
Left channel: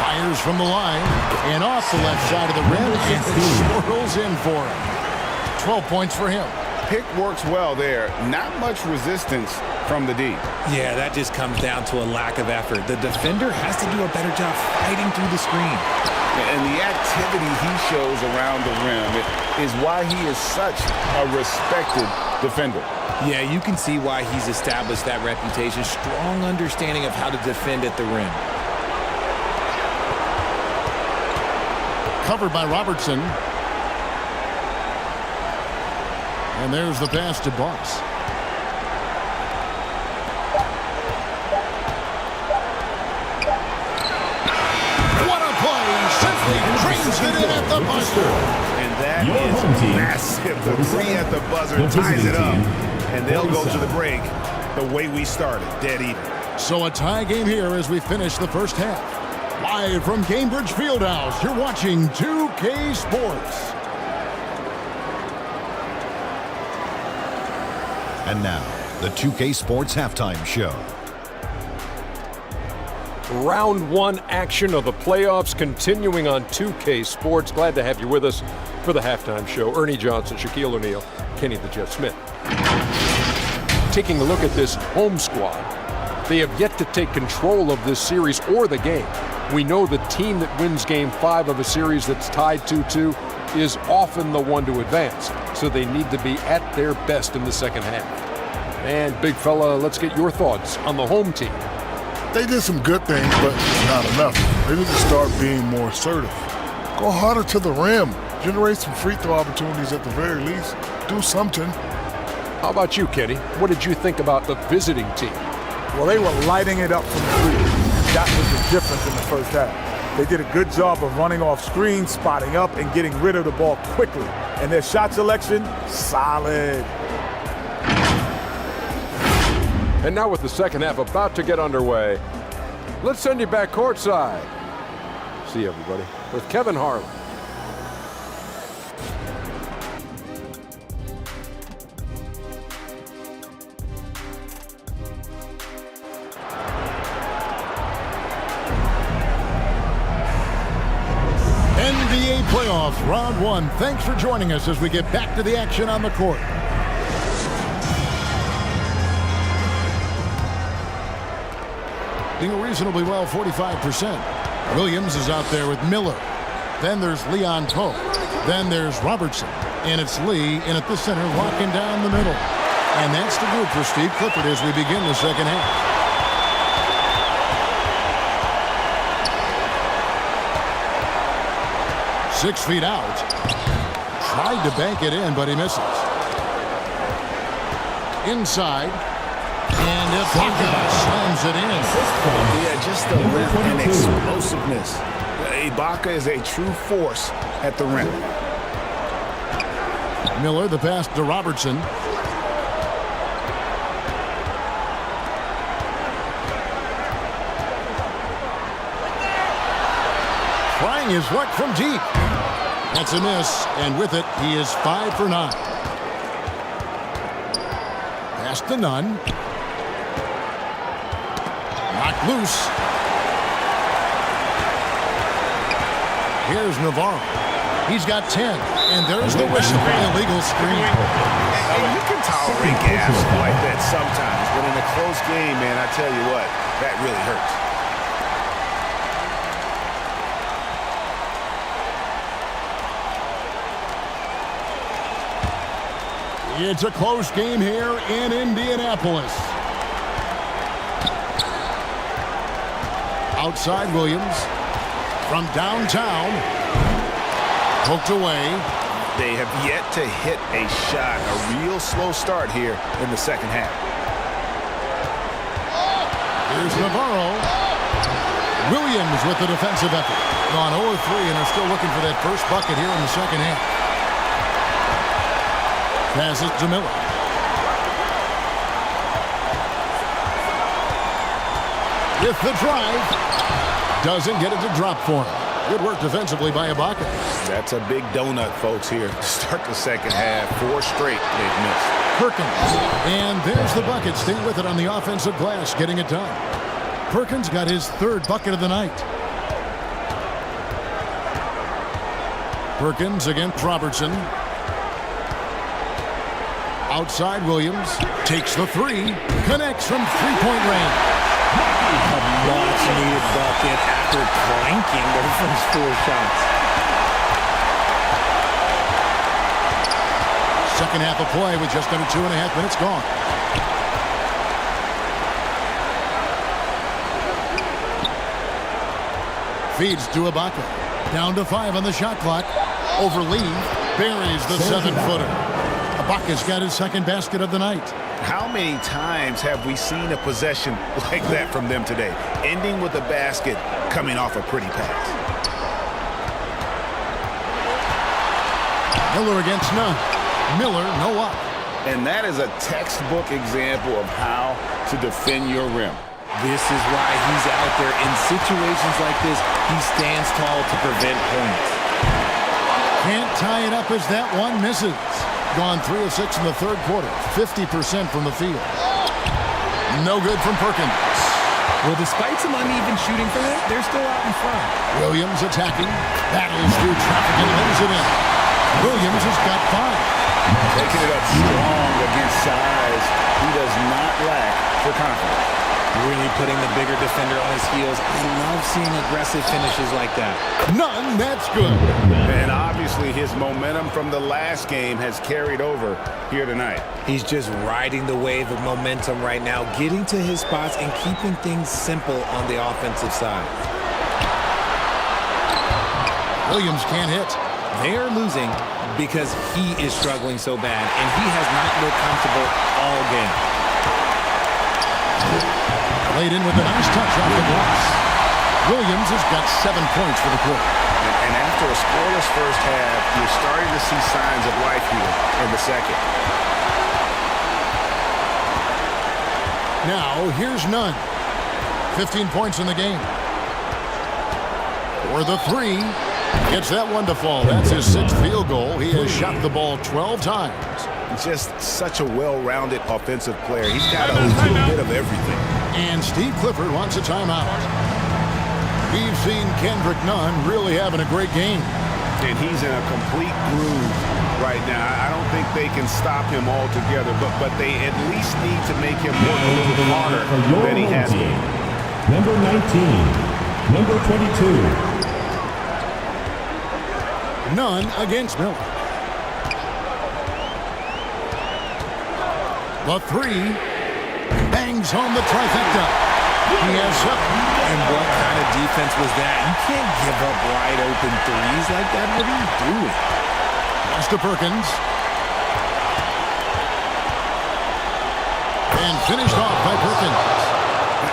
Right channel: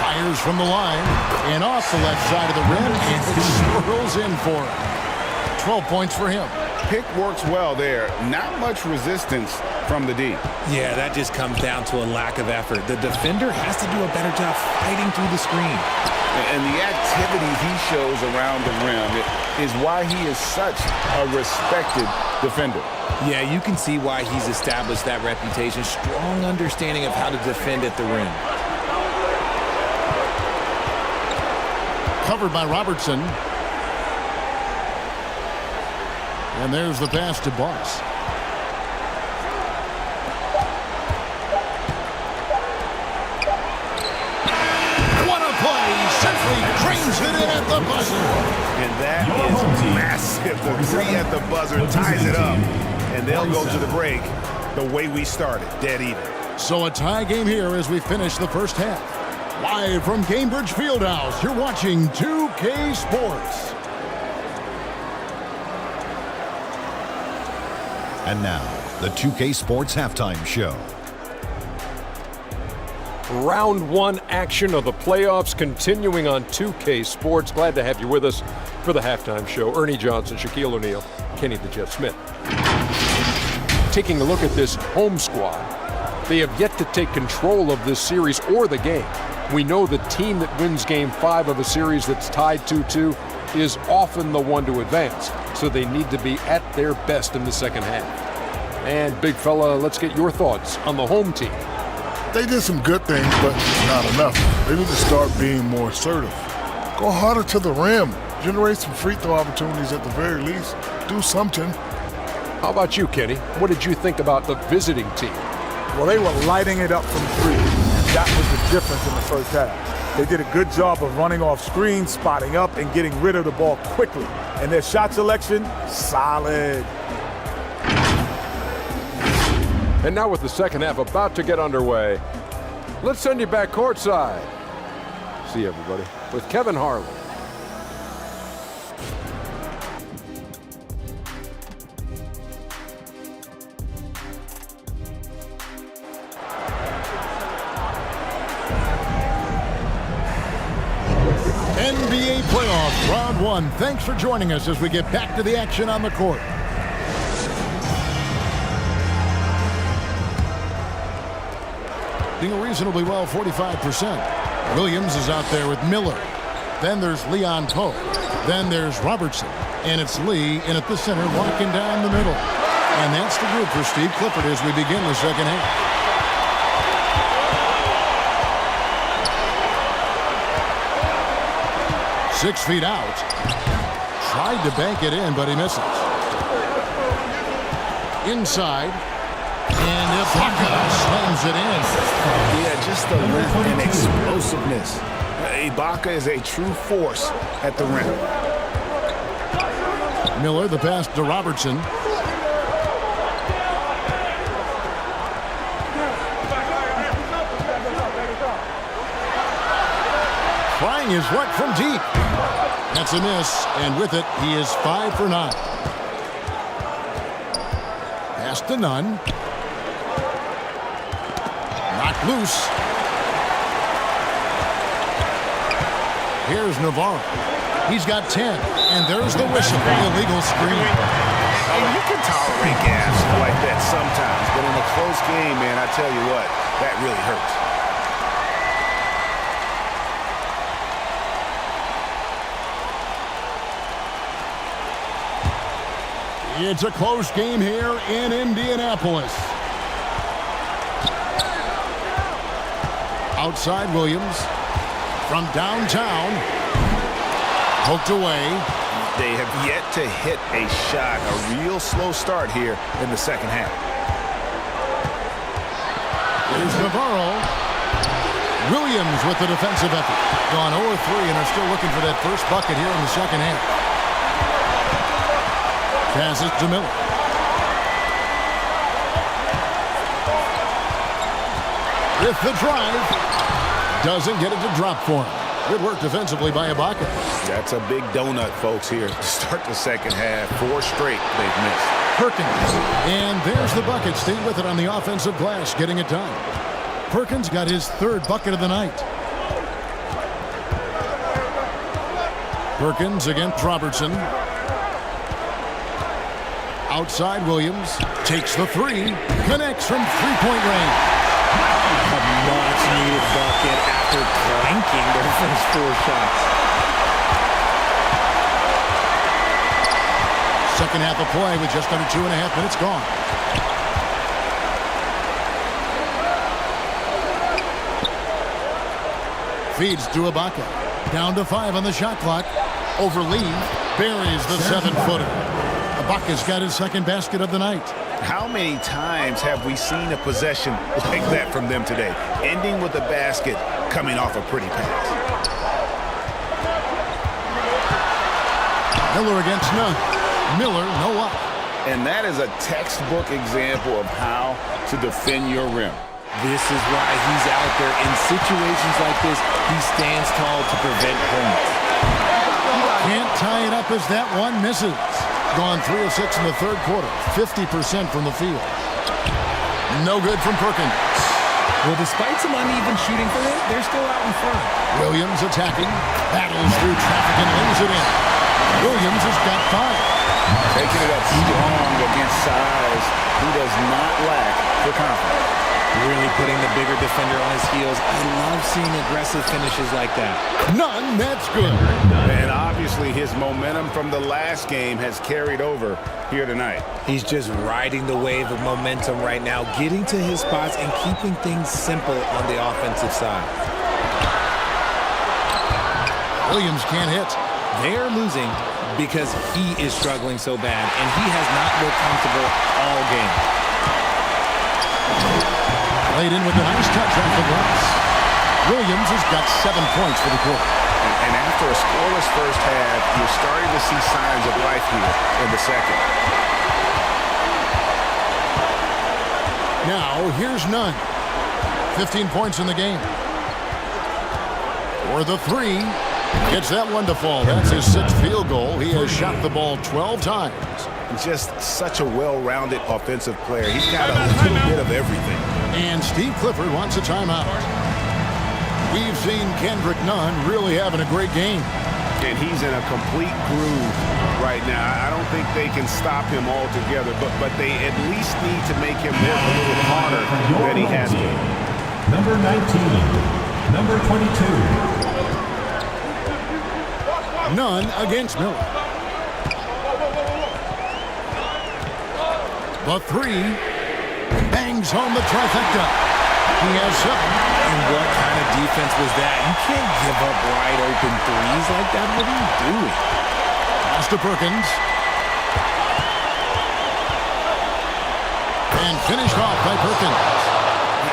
Fires from the line and off the left side of the rim, and it swirls in for him. 12 points for him. Pick works well there. Not much resistance from the D. Yeah, that just comes down to a lack of effort. The defender has to do a better job fighting through the screen. And the activity he shows around the rim is why he is such a respected defender. Yeah, you can see why he's established that reputation. Strong understanding of how to defend at the rim. Covered by Robertson. And there's the pass to Boss. What a play! Simply drains it in at the buzzer. And that is massive. The 3 at the buzzer ties it up. And they'll go to the break the way we started, dead even. So a tie game here as we finish the first half. Live from Cambridge Fieldhouse, you're watching 2K Sports. And now, the 2K Sports Halftime Show. Round 1 action of the playoffs continuing on 2K Sports. Glad to have you with us for the halftime show. Ernie Johnson, Shaquille O'Neal, Kenny the Jet Smith. Taking a look at this home squad, they have yet to take control of this series or the game. We know the team that wins Game 5 of a series that's tied 2-2 is often the one to advance, so they need to be at their best in the second half. And big fella, let's get your thoughts on the home team. They did some good things, but not enough. They need to start being more assertive. Go harder to the rim. Generate some free throw opportunities at the very least. Do something. How about you, Kenny? What did you think about the visiting team? Well, they were lighting it up from three, and that was the difference in the first half. They did a good job of running off screens, spotting up, and getting rid of the ball quickly. And their shot selection, solid. And now with the second half about to get underway, let's send you back courtside. See you, everybody, with Kevin Harlan. NBA playoff round 1. Thanks for joining us as we get back to the action on the court. Doing reasonably well, 45%. Williams is out there with Miller. Then there's Leon Pope. Then there's Robertson. And it's Lee in at the center, locking down the middle. And that's the group for Steve Clifford as we begin the second half. Six feet out. Tried to bank it in, but he misses. Inside. And Ibaka slams it in. Yeah, just the length and explosiveness. Ibaka is a true force at the rim. Miller, the pass to Robertson. Trying his luck from deep. That's a miss, and with it, he is 5 for 9. Pass to Nunn. Knocked loose. Here's Navarro. He's got 10, and there's the whistle. Illegal screen. And you can tolerate gas like that sometimes, but in a close game, man, I tell you what, that really hurts. It's a close game here in Indianapolis. Outside Williams. From downtown. Poked away. They have yet to hit a shot. A real slow start here in the second half. Here's Navarro. Williams with the defensive effort. Gone 0-3 and are still looking for that first bucket here in the second half. Pass it to Miller. With the drive. Doesn't get it to drop for him. Good work defensively by Ibaka. That's a big donut, folks, here to start the second half. 4 straight they've missed. Perkins. And there's the bucket. Staying with it on the offensive glass, getting it done. Perkins got his 3rd bucket of the night. Perkins against Robertson. Outside Williams. Takes the 3. Connects from 3-point range. A much-needed bucket after clanking their first 4 shots. Second half of play with just under 2.5 minutes gone. Feeds to Ibaka. Down to 5 on the shot clock. Over Lee. Buries the 7-footer. Ibaka's got his 2nd basket of the night. How many times have we seen a possession like that from them today? Ending with a basket, coming off a pretty pass. Miller against Nunn. Miller, no up. And that is a textbook example of how to defend your rim. This is why he's out there. In situations like this, he stands tall to prevent points. Can't tie it up as that one misses. Gone 3 of 6 in the 3rd quarter. 50% from the field. No good from Perkins. Well, despite some uneven shooting for them, they're still out in front. Williams attacking. Battles through traffic and lays it in. Williams has got 5. Taking it up strong against size. He does not lack for confidence. Really putting the bigger defender on his heels. I love seeing aggressive finishes like that. None, that's good. And obviously his momentum from the last game has carried over here tonight. He's just riding the wave of momentum right now, getting to his spots and keeping things simple on the offensive side. Williams can't hit. They're losing because he is struggling so bad, and he has not looked comfortable all game. Played in with a nice touch off the glass. Williams has got 7 points for the quarter. And after a scoreless first half, you're starting to see signs of life here in the second. Now, here's Nunn. 15 points in the game. For the three. Gets that one to fall. That's his 6th field goal. He has shot the ball 12 times. Just such a well-rounded offensive player. He's got a little bit of everything. And Steve Clifford wants a timeout. We've seen Kendrick Nunn really having a great game. And he's in a complete groove right now. I don't think they can stop him altogether, but they at least need to make him work a little harder than he has been. Number 19, number 22. Nunn against Miller. The three bangs home the trifecta. He has 7. And what kind of defense was that? You can't give up wide open threes like that. What are you doing? Pass to Perkins. And finished off by Perkins.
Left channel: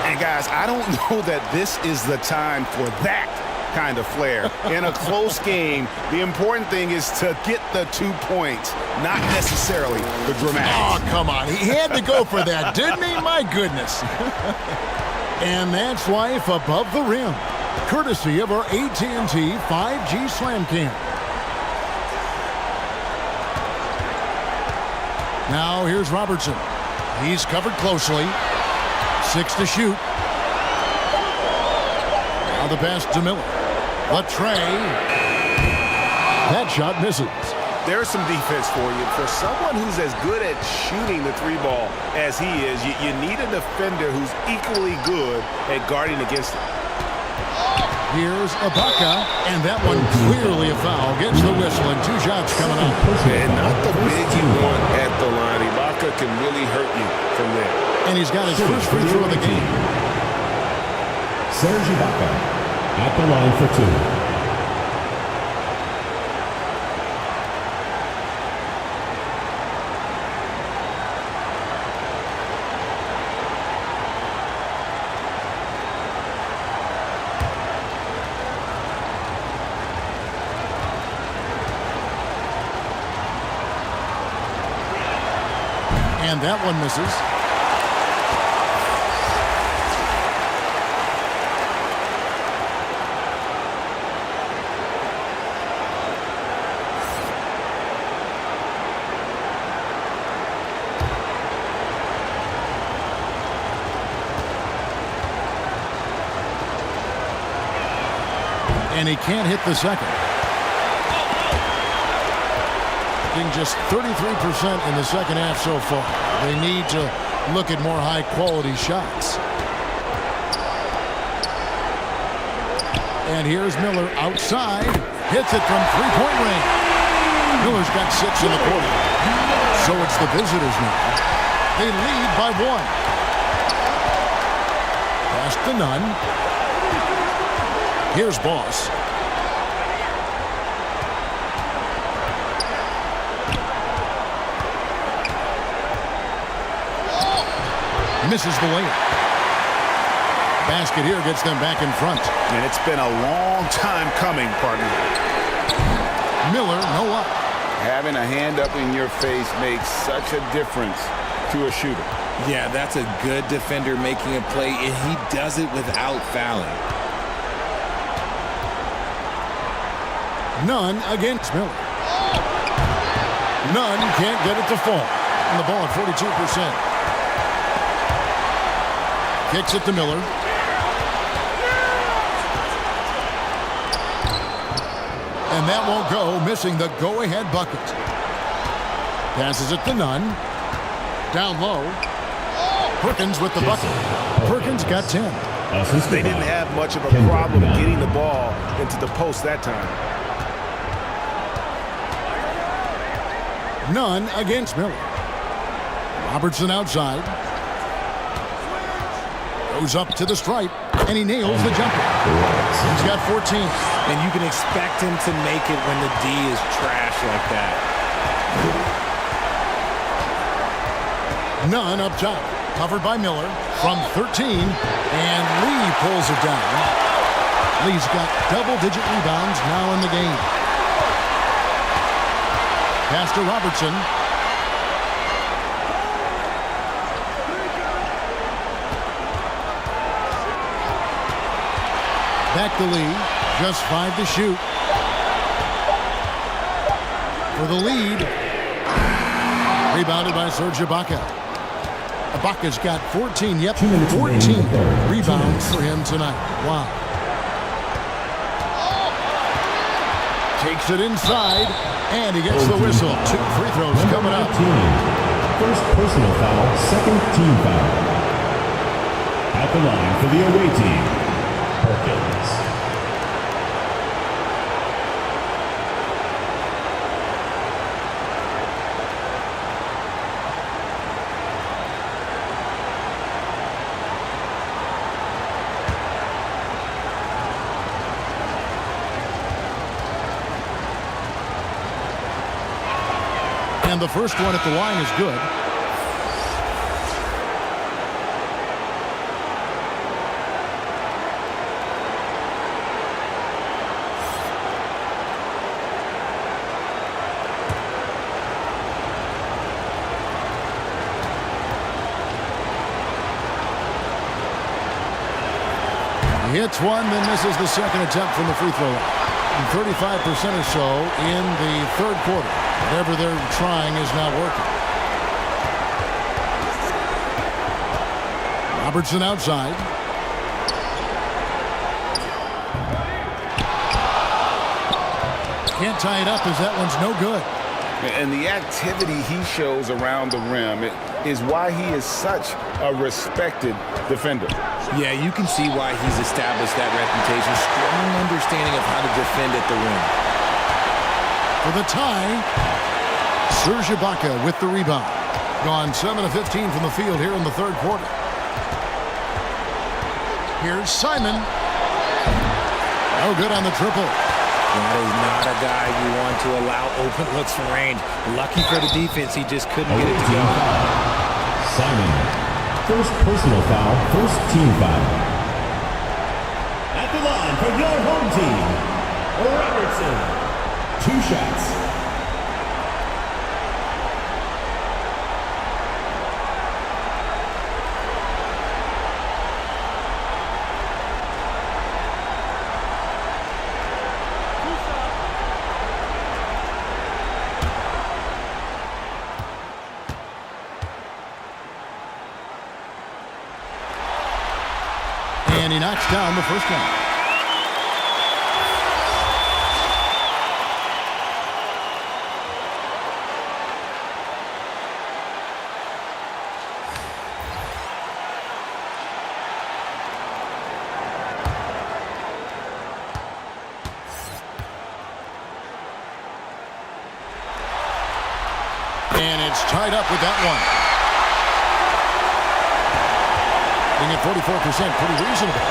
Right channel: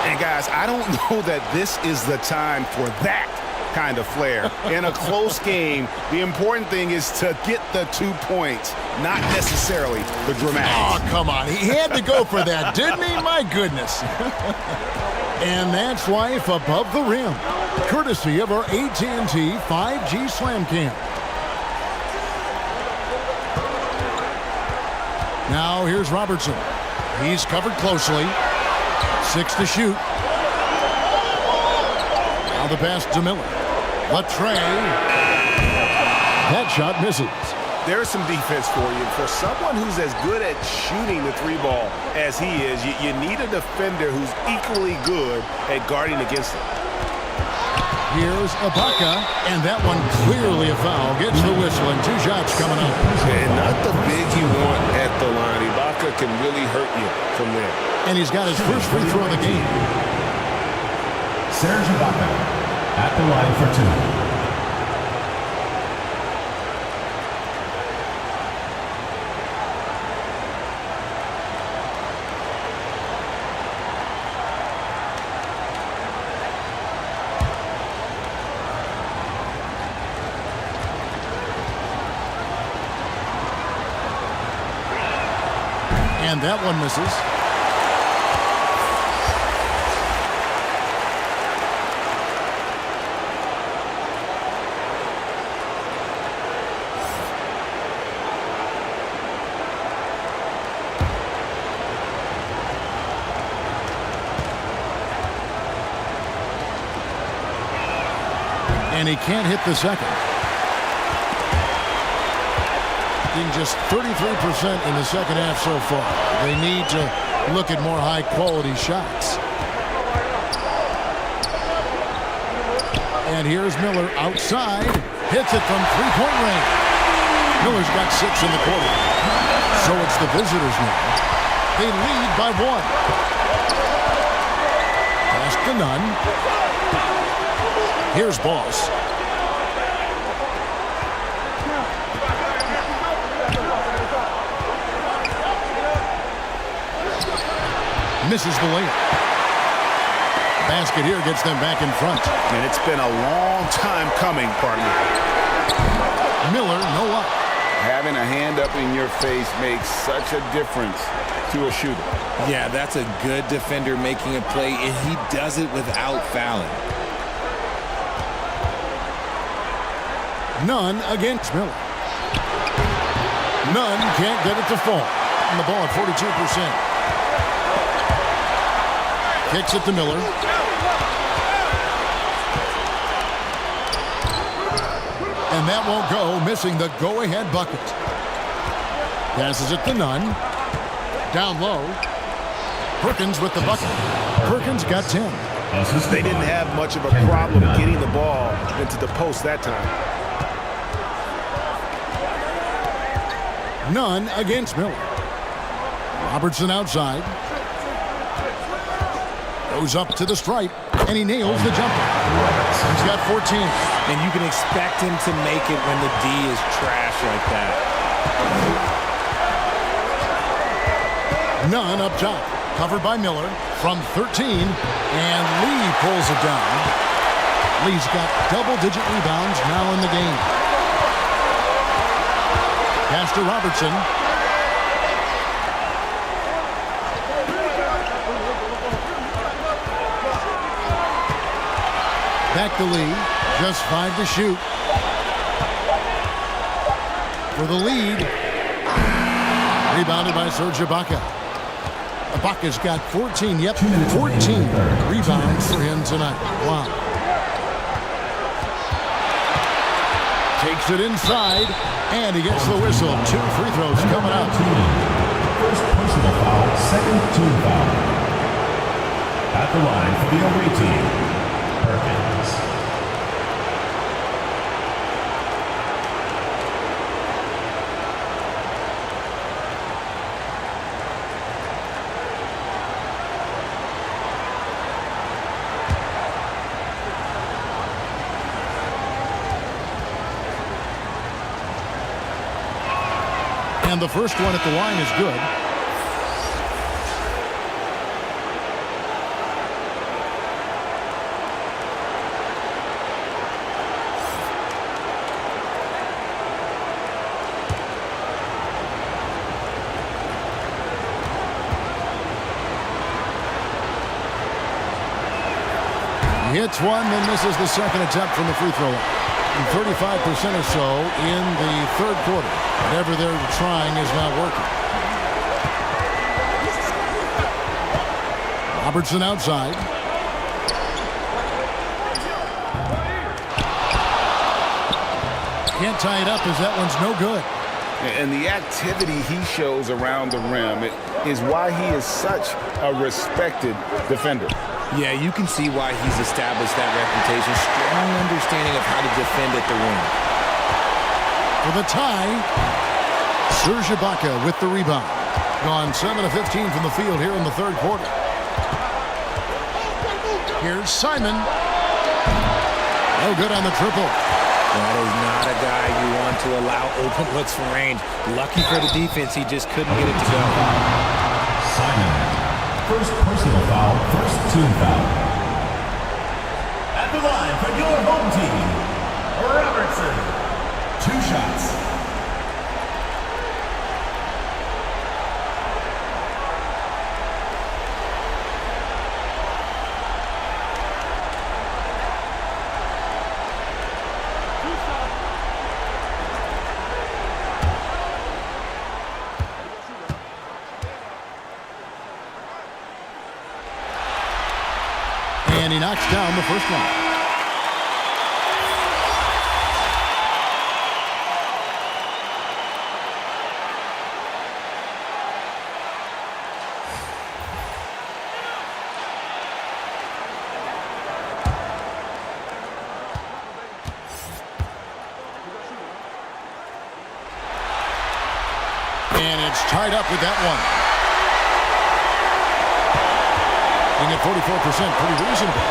And guys, I don't know that this is the time for that kind of flair. In a close game, the important thing is to get the 2 points, not necessarily the dramatics. Oh, come on. He had to go for that, didn't he? My goodness. And that's life above the rim, courtesy of our AT&T 5G Slam Cam. Now here's Robertson. He's covered closely. 6 to shoot. Now the pass to Miller. The tray. That shot misses. There's some defense for you. For someone who's as good at shooting the 3-ball as he is, you need a defender who's equally good at guarding against it. Here's Ibaka, and that one clearly a foul. Gets the whistle, and 2 shots coming up. And not the big you want at the line. Ibaka can really hurt you from there. And he's got his first free throw of the game. Serge Ibaka at the line for 2. And that one misses. And he can't hit the second. Just 33% in the second half so far. They need to look at more high-quality shots. And here's Miller outside. Hits it from three-point range. Miller's got 6 in the quarter. So it's the visitors now. They lead by 1. Pass to Nunn. Here's Boss. Misses the layup. Basket here gets them back in front. And it's been a long time coming, partner. Miller, no up. Having a hand up in your face makes such a difference to a shooter. Yeah, that's a good defender making a play, and he does it without fouling. Nunn against Miller. Nunn can't get it to fall. And the ball at 42%. Kicks it to Miller. And that won't go, missing the go-ahead bucket. Passes it to Nunn. Down low. Perkins with the bucket. Perkins got 10. They didn't have much of a problem getting the ball into the post that time. Nunn against Miller. Robertson outside. Goes up to the stripe, and he nails the jumper. He's got 14. And you can expect him to make it when the D is trash like that. Nunn up top. Covered by Miller from 13, and Lee pulls it down. Lee's got double-digit rebounds now in the game. Pass to Robertson. Back to Lee. Just 5 to shoot. For the lead. Rebounded by Serge Ibaka. Ibaka's got 14. Yep, 14 rebounds for him tonight. Wow. Takes it inside, and he gets the whistle. 2 free throws coming up. First personal foul, second team foul. At the line for the away team, Perkins. And the first one at the line is good. He hits one, then misses the second attempt from the free throw line. 35% or so in the third quarter. Whatever they're trying is not working. Robertson outside. Can't tie it up as that one's no good. And the activity he shows around the rim is why he is such a respected defender. Yeah, you can see why he's established that reputation. Strong understanding of how to defend at the rim. For the tie, Serge Ibaka with the rebound. Gone 7 of 15 from the field here in the third quarter. Here's Simon. No good on the triple. That is not a guy you want to allow open looks from range. Lucky for the defense, he just couldn't get it to go. Simon. First personal foul, first team foul. At the line for your home team, Robertson. 2 shots. And he knocks down the first one. And it's tied up with that one. Being at 44%, pretty reasonable.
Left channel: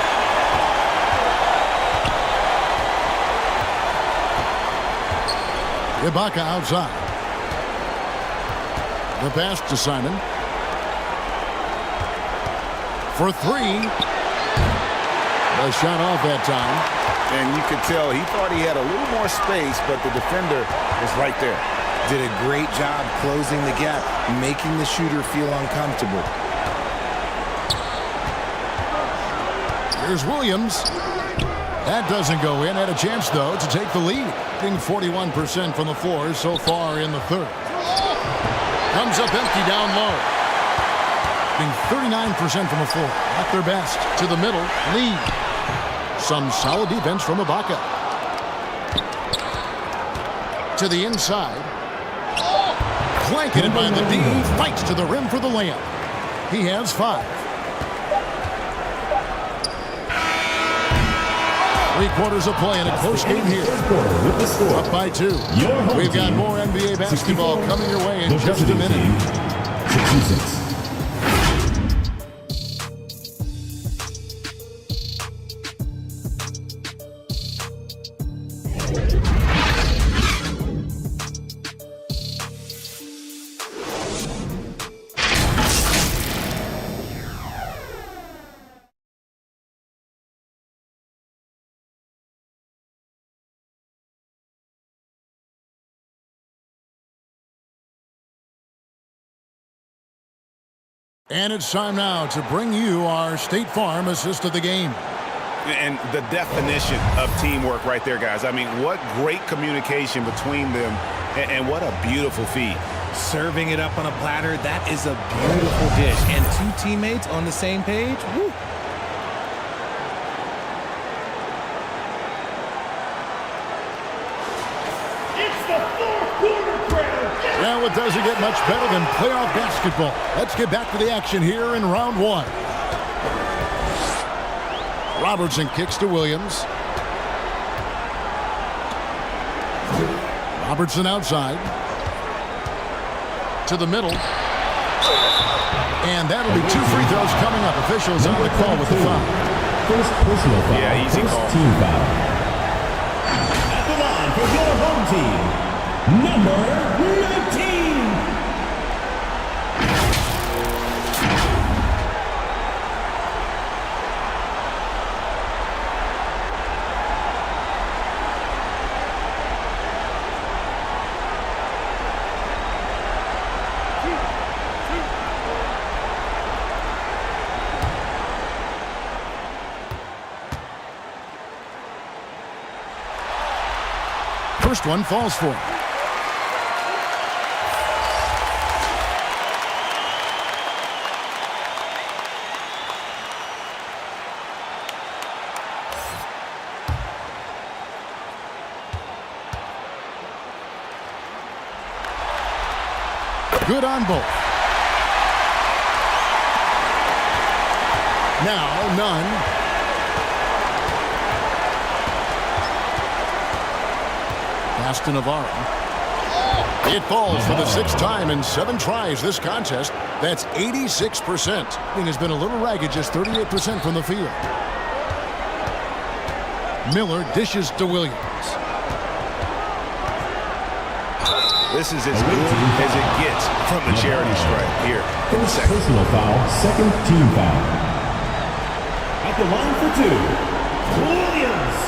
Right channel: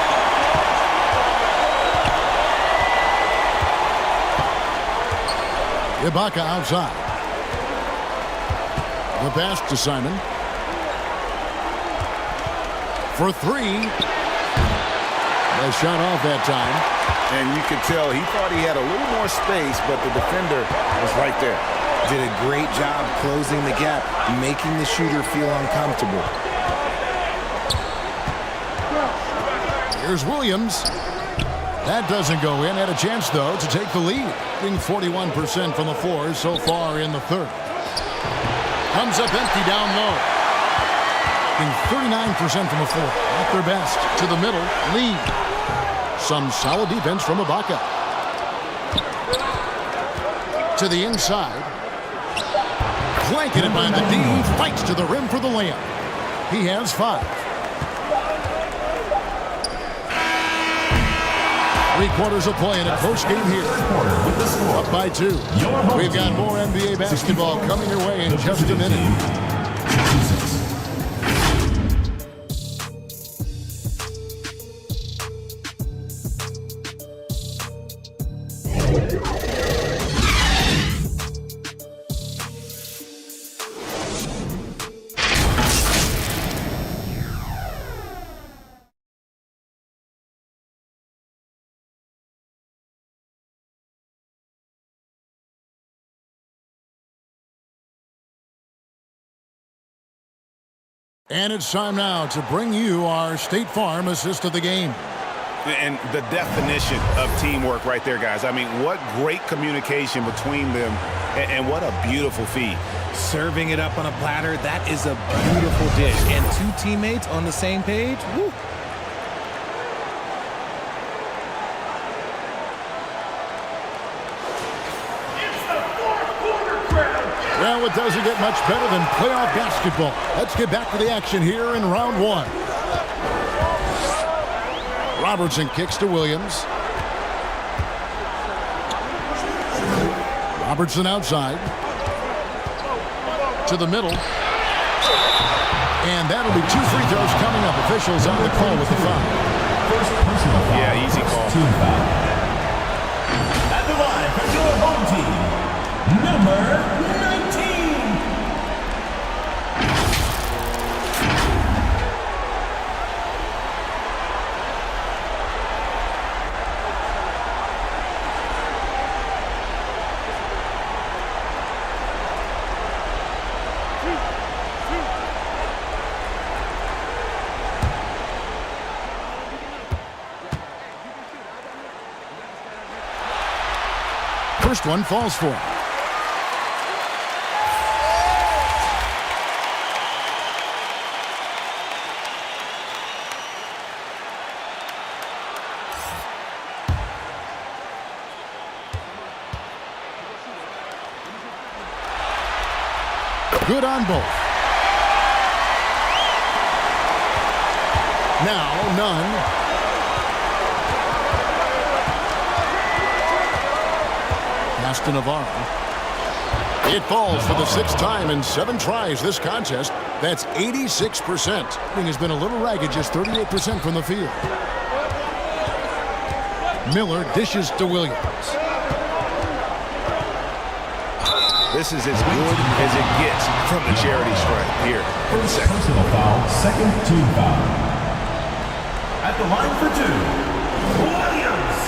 Ibaka outside. The pass to Simon. For 3. The shot off that time. And you could tell he thought he had a little more space, but the defender was right there. Did a great job closing the gap, making the shooter feel uncomfortable. Here's Williams. That doesn't go in. Had a chance, though, to take the lead. Being 41% from the floor so far in the third. Comes up empty down low. Being 39% from the floor. At their best. To the middle. Lead. Some solid defense from Ibaka. To the inside. Blanketed by the D. Fights to the rim for the layup. He has 5. 3 quarters of play in a close game here. With the score. Up by 2. We've got more NBA basketball coming your way in just a minute. 66. And it's time now to bring you our State Farm assist of the game. And the definition of teamwork right there, guys. I mean, what great communication between them, and what a beautiful feed. Serving it up on a platter, that is a beautiful dish. And 2 teammates on the same page, woo. Well, it doesn't get much better than playoff basketball. Let's get back to the action here in round 1. Robertson kicks to Williams. Robertson outside. To the middle. And that'll be 2 free throws coming up. Officials on the call with the foul. First personal foul. Yeah, easy call. Team foul. At the line for your home team, number 19. First one falls for him. Good on both. Now, none. Pass to Navarro. It falls for the 6th time in 7 tries this contest. That's 86%. Thing has been a little ragged, just 38% from the field. Miller dishes to Williams. This is as good as it gets from the charity stripe here in the second. Personal foul, second team foul. At the line for 2, Williams.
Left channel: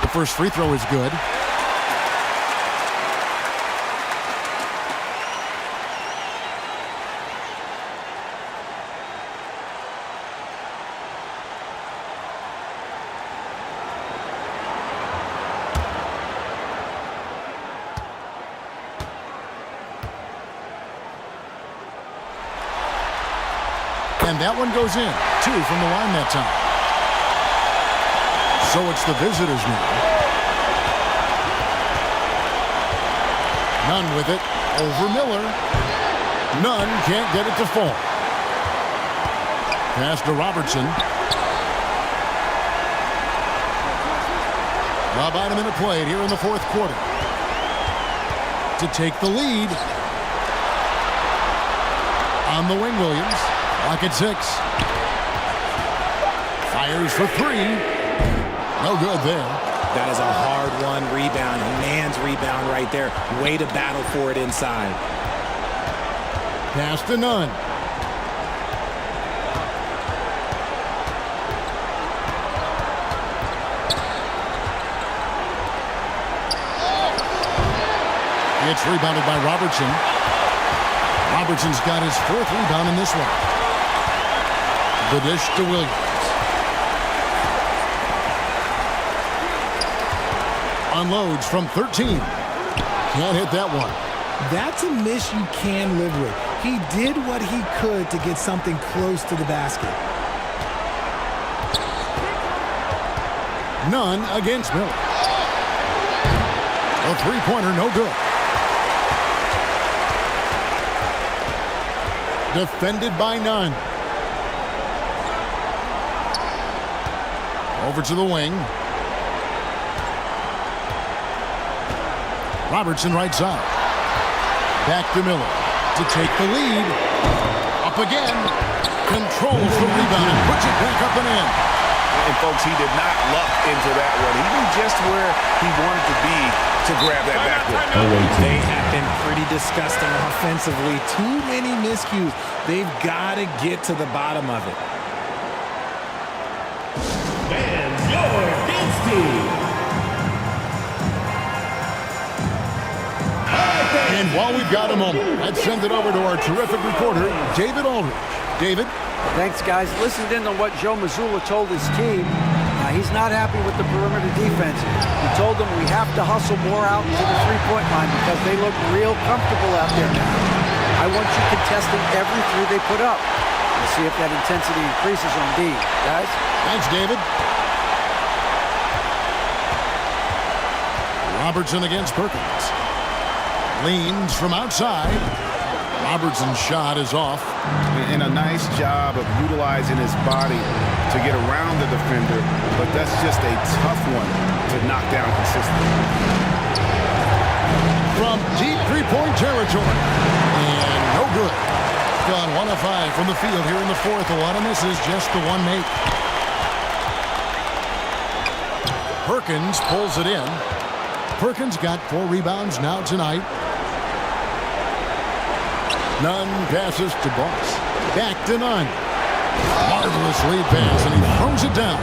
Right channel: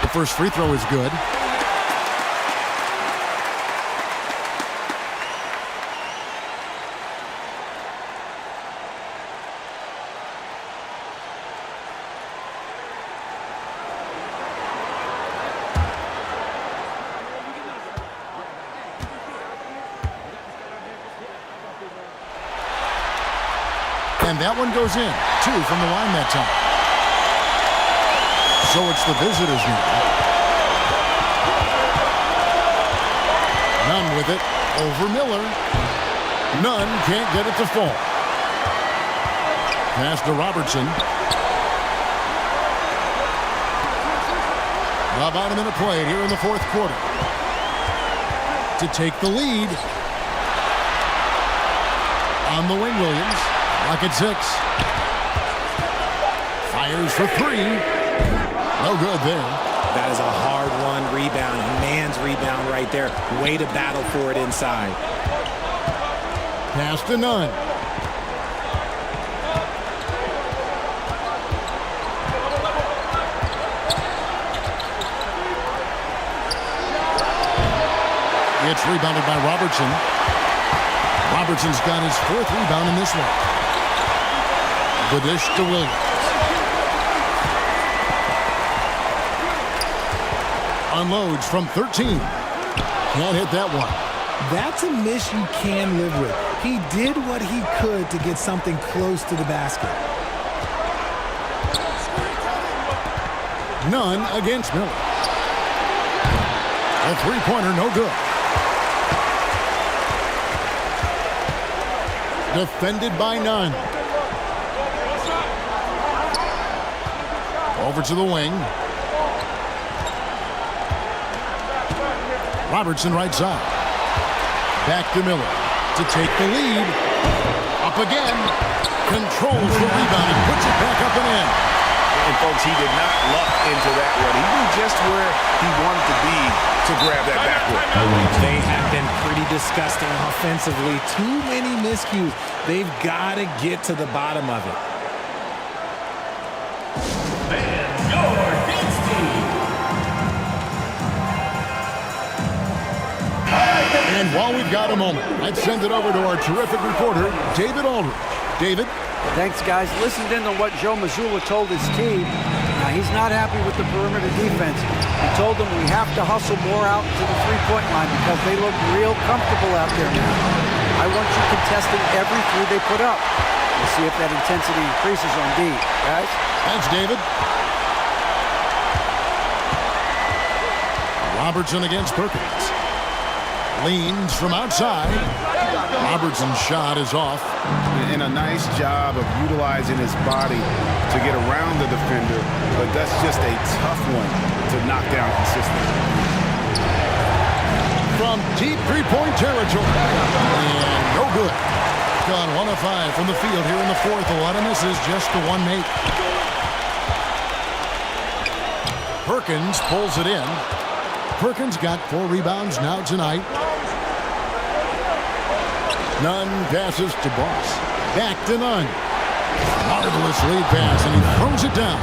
The first free throw is good. And that one goes in. 2 from the line that time. So it's the visitors now. Nunn with it. Over Miller. Nunn can't get it to fall. Pass to Robertson. About a minute played here in the 4th quarter. To take the lead. On the wing, Williams. Clock at 6. Fires for 3. No good there. That is a hard-won rebound. A man's rebound right there. Way to battle for it inside. Pass to Nunn. It's rebounded by Robertson. Robertson's got his 4th rebound in this one. The dish to Williams. Unloads from 13. Can't hit that one. That's a miss you can live with. He did what he could to get something close to the basket. None against Miller. A three-pointer, no good. Defended by Nunn. Over to the wing. Robertson right side. Back to Miller to take the lead. Up again. Controls the rebound and puts it back up and in. And folks, he did not luck into that one. He knew just where he wanted to be to grab that backboard. They have been pretty disgusting offensively. Too many miscues. They've got to get to the bottom of it. And your dance team. And while we've got a moment, let's send it over to our terrific reporter, David Aldridge. David? Thanks, guys. Listened in on what Joe Mazzulla told his team. Now, he's not happy with the perimeter defense. He told them we have to hustle more out to the three-point line because they look real comfortable out there now. I want you contesting every three they put up. We'll see if that intensity increases on D. Guys? Thanks, David. Robertson against Perkins. Leans from outside. Robertson's shot is off. And a nice job of utilizing his body to get around the defender, but that's just a tough one to knock down consistently. From deep three-point territory. And no good. Gone 1 of 5 from the field here in the fourth. A lot of misses, just the one make. Perkins pulls it in. Perkins got 4 rebounds now tonight. Nunn passes to Boss. Back to Nunn. Marvelous lead pass, and he throws it down.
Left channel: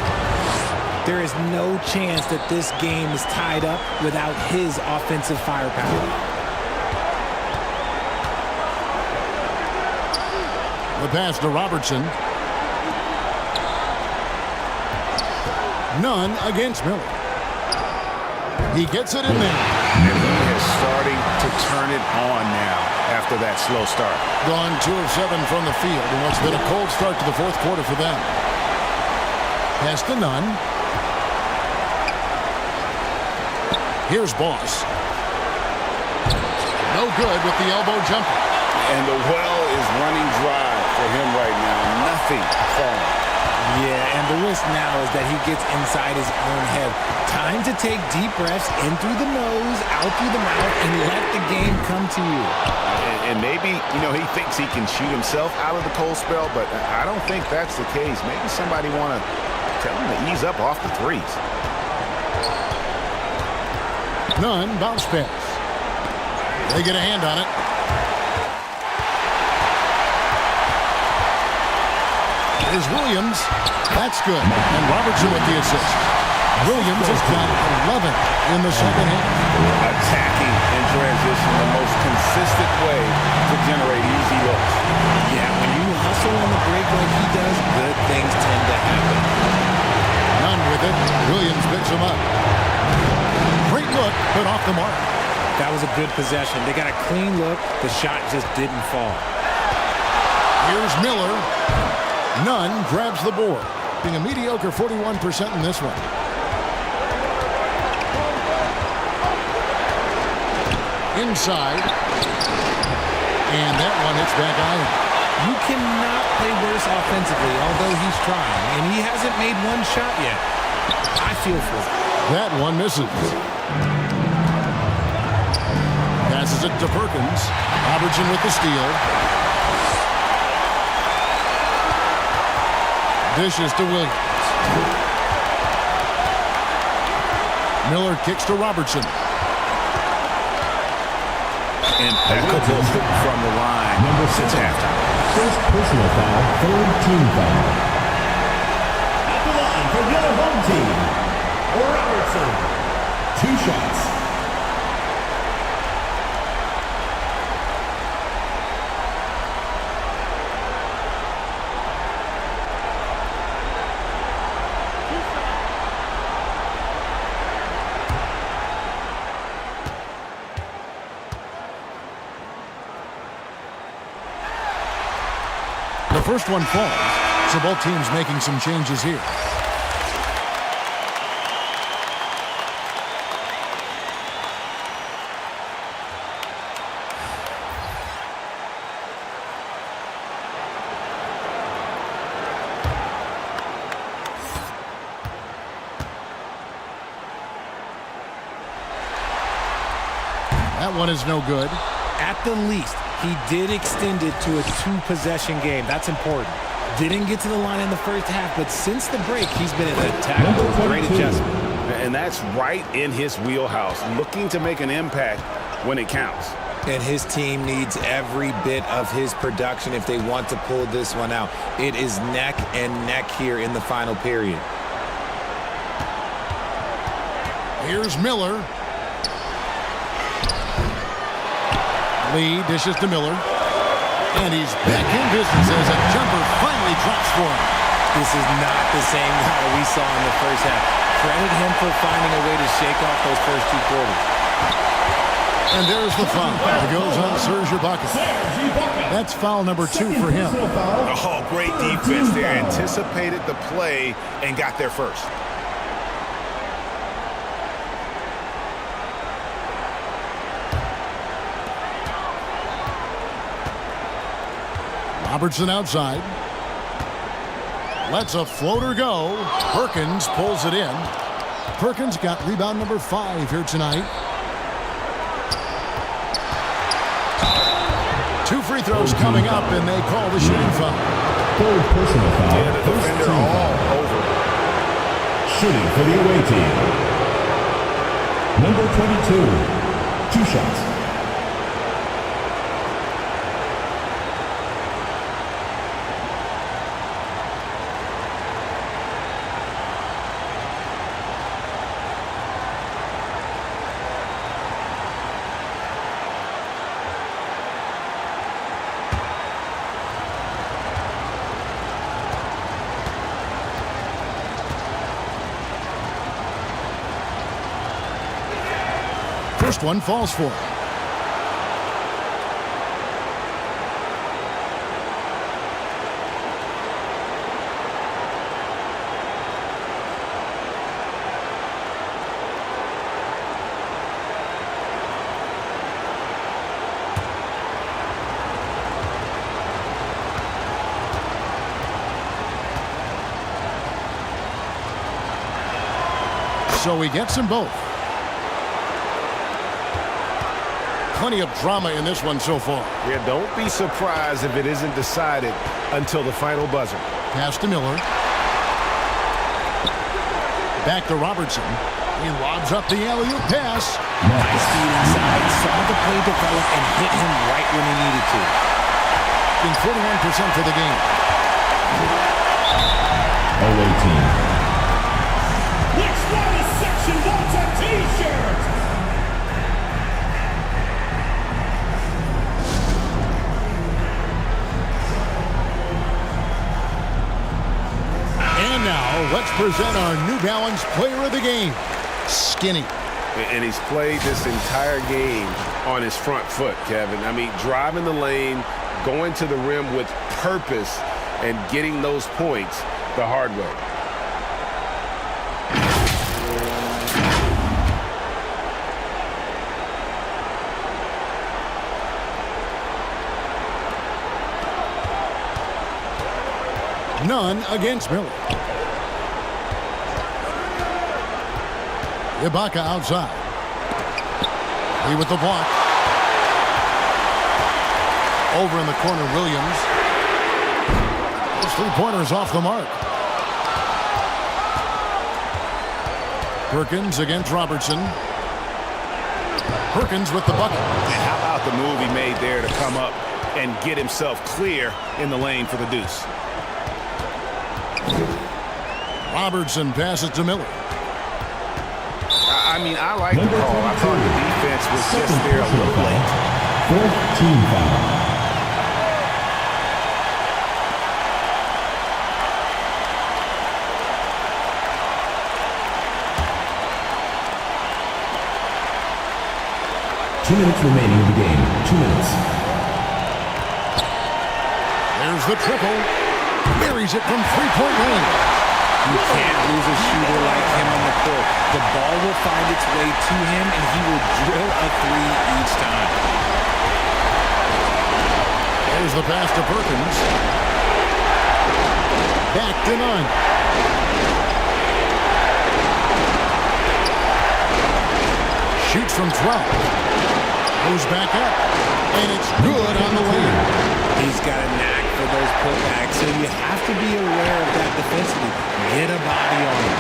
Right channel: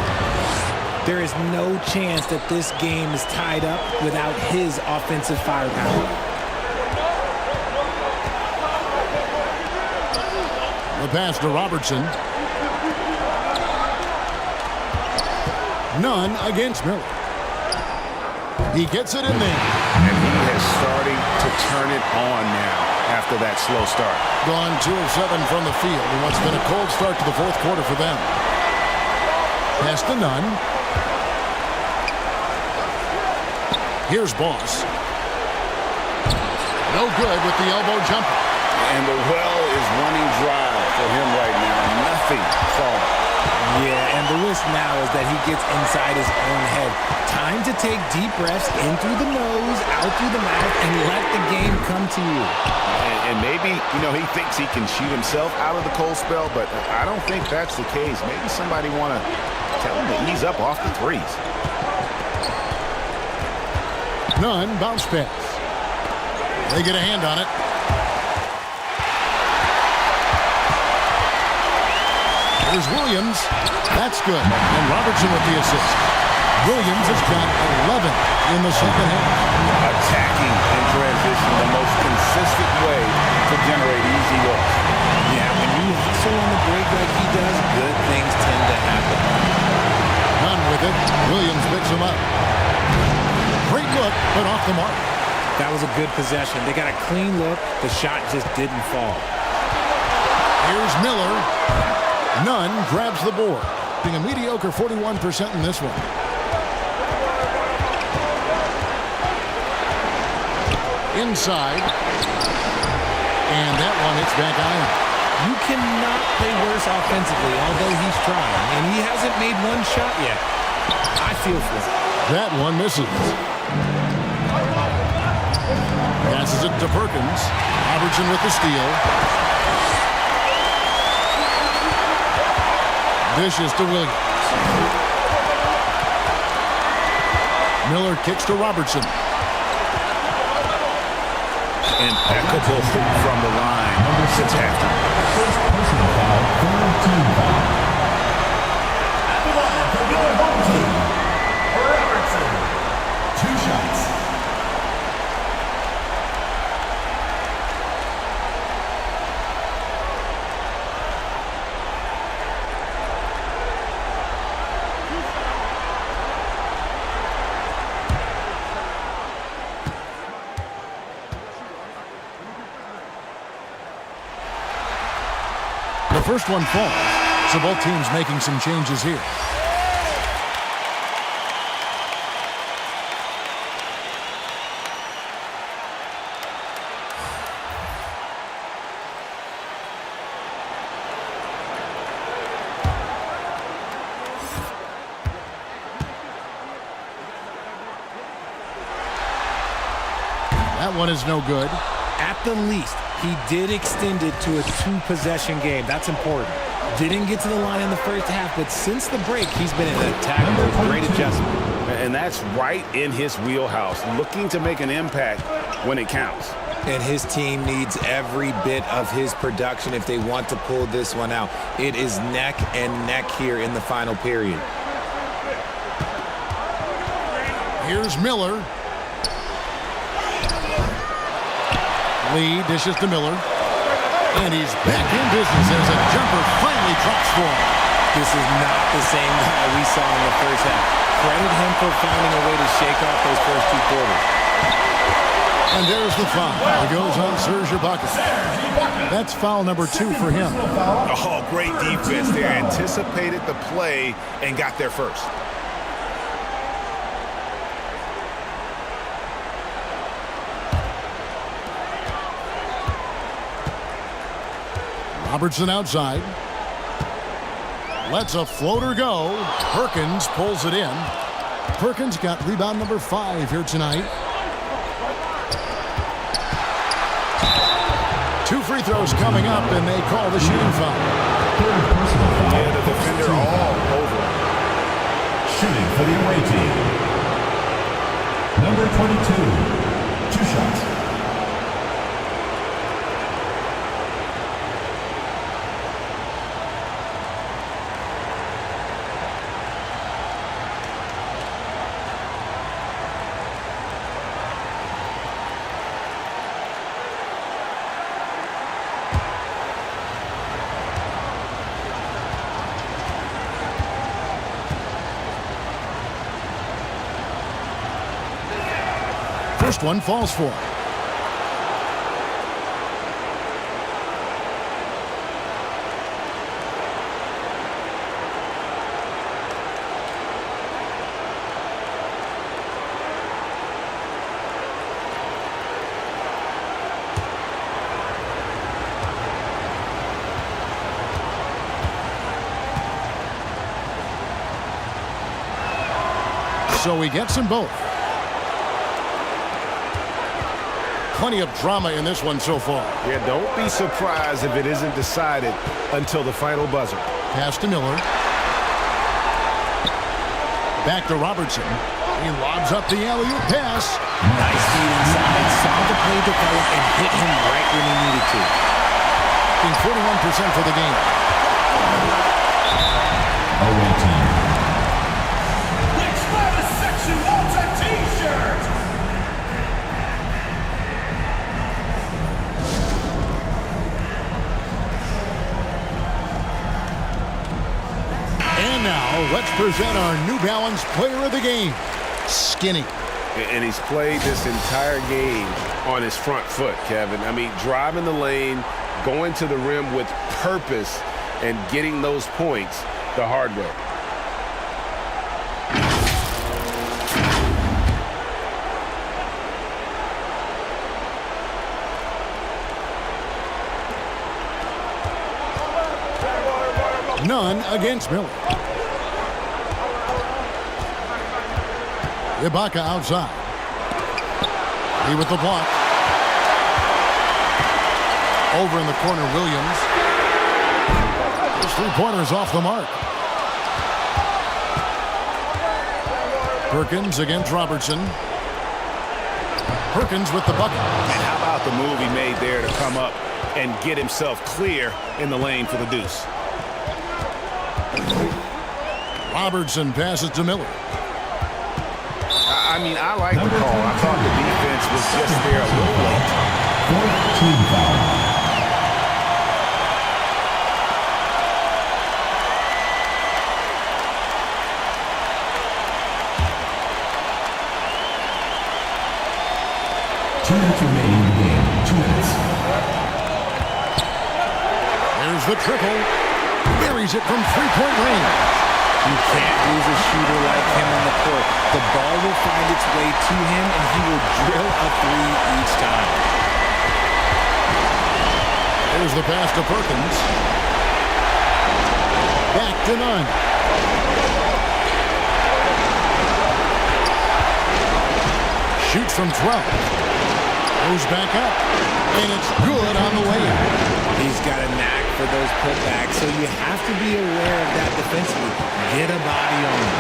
There is no chance that this game is tied up without his offensive firepower. The pass to Robertson. Nunn against Miller. He gets it in there. And he is starting to turn it on now after that slow start. Gone 2 of 7 from the field in what's been a cold start to the fourth quarter for them. Pass to Nunn. Here's Boss. No good with the elbow jumper. And the well is running dry for him right now. Nothing falling. Yeah, and the risk now is that he gets inside his own head. Time to take deep breaths in through the nose, out through the mouth, and let the game come to you. And maybe, he thinks he can shoot himself out of the cold spell, but I don't think that's the case. Maybe somebody want to tell him to ease up off the threes. Nunn, bounce pass. They get a hand on it. Here's Williams. That's good. And Robertson with the assist. Williams has got 11 in the second half. Attacking in transition, the most consistent way to generate easy looks. Yeah, when you hustle on the break like he does, good things tend to happen. Nunn with it. Williams picks him up. Great look, but off the mark. That was a good possession. They got a clean look. The shot just didn't fall. Here's Miller. Nunn grabs the board, being a mediocre 41% in this one. Inside. And that one hits back iron. You cannot play worse offensively, although he's trying, and he hasn't made one shot yet. I feel for him. That one misses. Passes it to Perkins. Robertson with the steal. Dishes to Williams. Miller kicks to Robertson. Impeccable from the line. Number 6 halftime. First personal foul, third team foul. At the line for your home team, Robertson. 2 shots. first one falls, so both teams making some changes here. That one is no good. At the least, he did extend it to a 2-possession game. That's important. Didn't get to the line in the first half, but since the break, he's been in attack mode. Great adjustment. And that's right in his wheelhouse, looking to make an impact when it counts. And his team needs every bit of his production if they want to pull this one out. It is neck and neck here in the final period. Here's Miller. Lee dishes to Miller. And he's back in business as a jumper finally drops for him. This is not the same guy we saw in the first half. Credit him for finding a way to shake off those first 2 quarters. And there's the foul. It goes on Serge Ibaka. That's foul number 2 for him. Oh, great defense there. Anticipated the play and got there first. Robertson outside. Lets a floater go. Perkins pulls it in. Perkins got rebound number 5 here tonight. 2 free throws coming up, and they call the shooting foul. Third personal foul. Yeah, the defender all over. Shooting for the away team. Number 22. 2 shots. First one falls for him. So he gets them both. Plenty of drama in this one so far. Yeah, don't be surprised if it isn't decided until the final buzzer. Pass to Miller. Back to Robertson. He lobs up the alley-oop pass. Nice feed inside. Saw the play develop and hit him right when he needed to. Being 41% for the game. Away team. Which latest section wants a T-shirt? And now, let's present our New Balance player of the game, Skinny. And he's played this entire game on his front foot, Kevin. I mean, driving the lane, going to the rim with purpose, and getting those points the hard way. None against Miller. Ibaka outside. He with the block. Over in the corner, Williams. His 3-pointers off the mark. Perkins against Robertson. Perkins with the bucket. And how about the move he made there to come up and get himself clear in the lane for the deuce? Robertson passes to Miller. I mean, I like the call. I thought the defense was just there a little late. 4th team foul. Two minutes remaining in the game. 2 minutes. There's the triple. Buries it from three-point range. You can't lose a shooter like him on the court. The ball will find its way to him, and he will drill a three each time. There's the pass to Perkins. Back to none. Shoots from 12. Goes back up. And it's good on the way in. He's got a knack for those putbacks, so you have to be aware of that defensively. Get a body on him.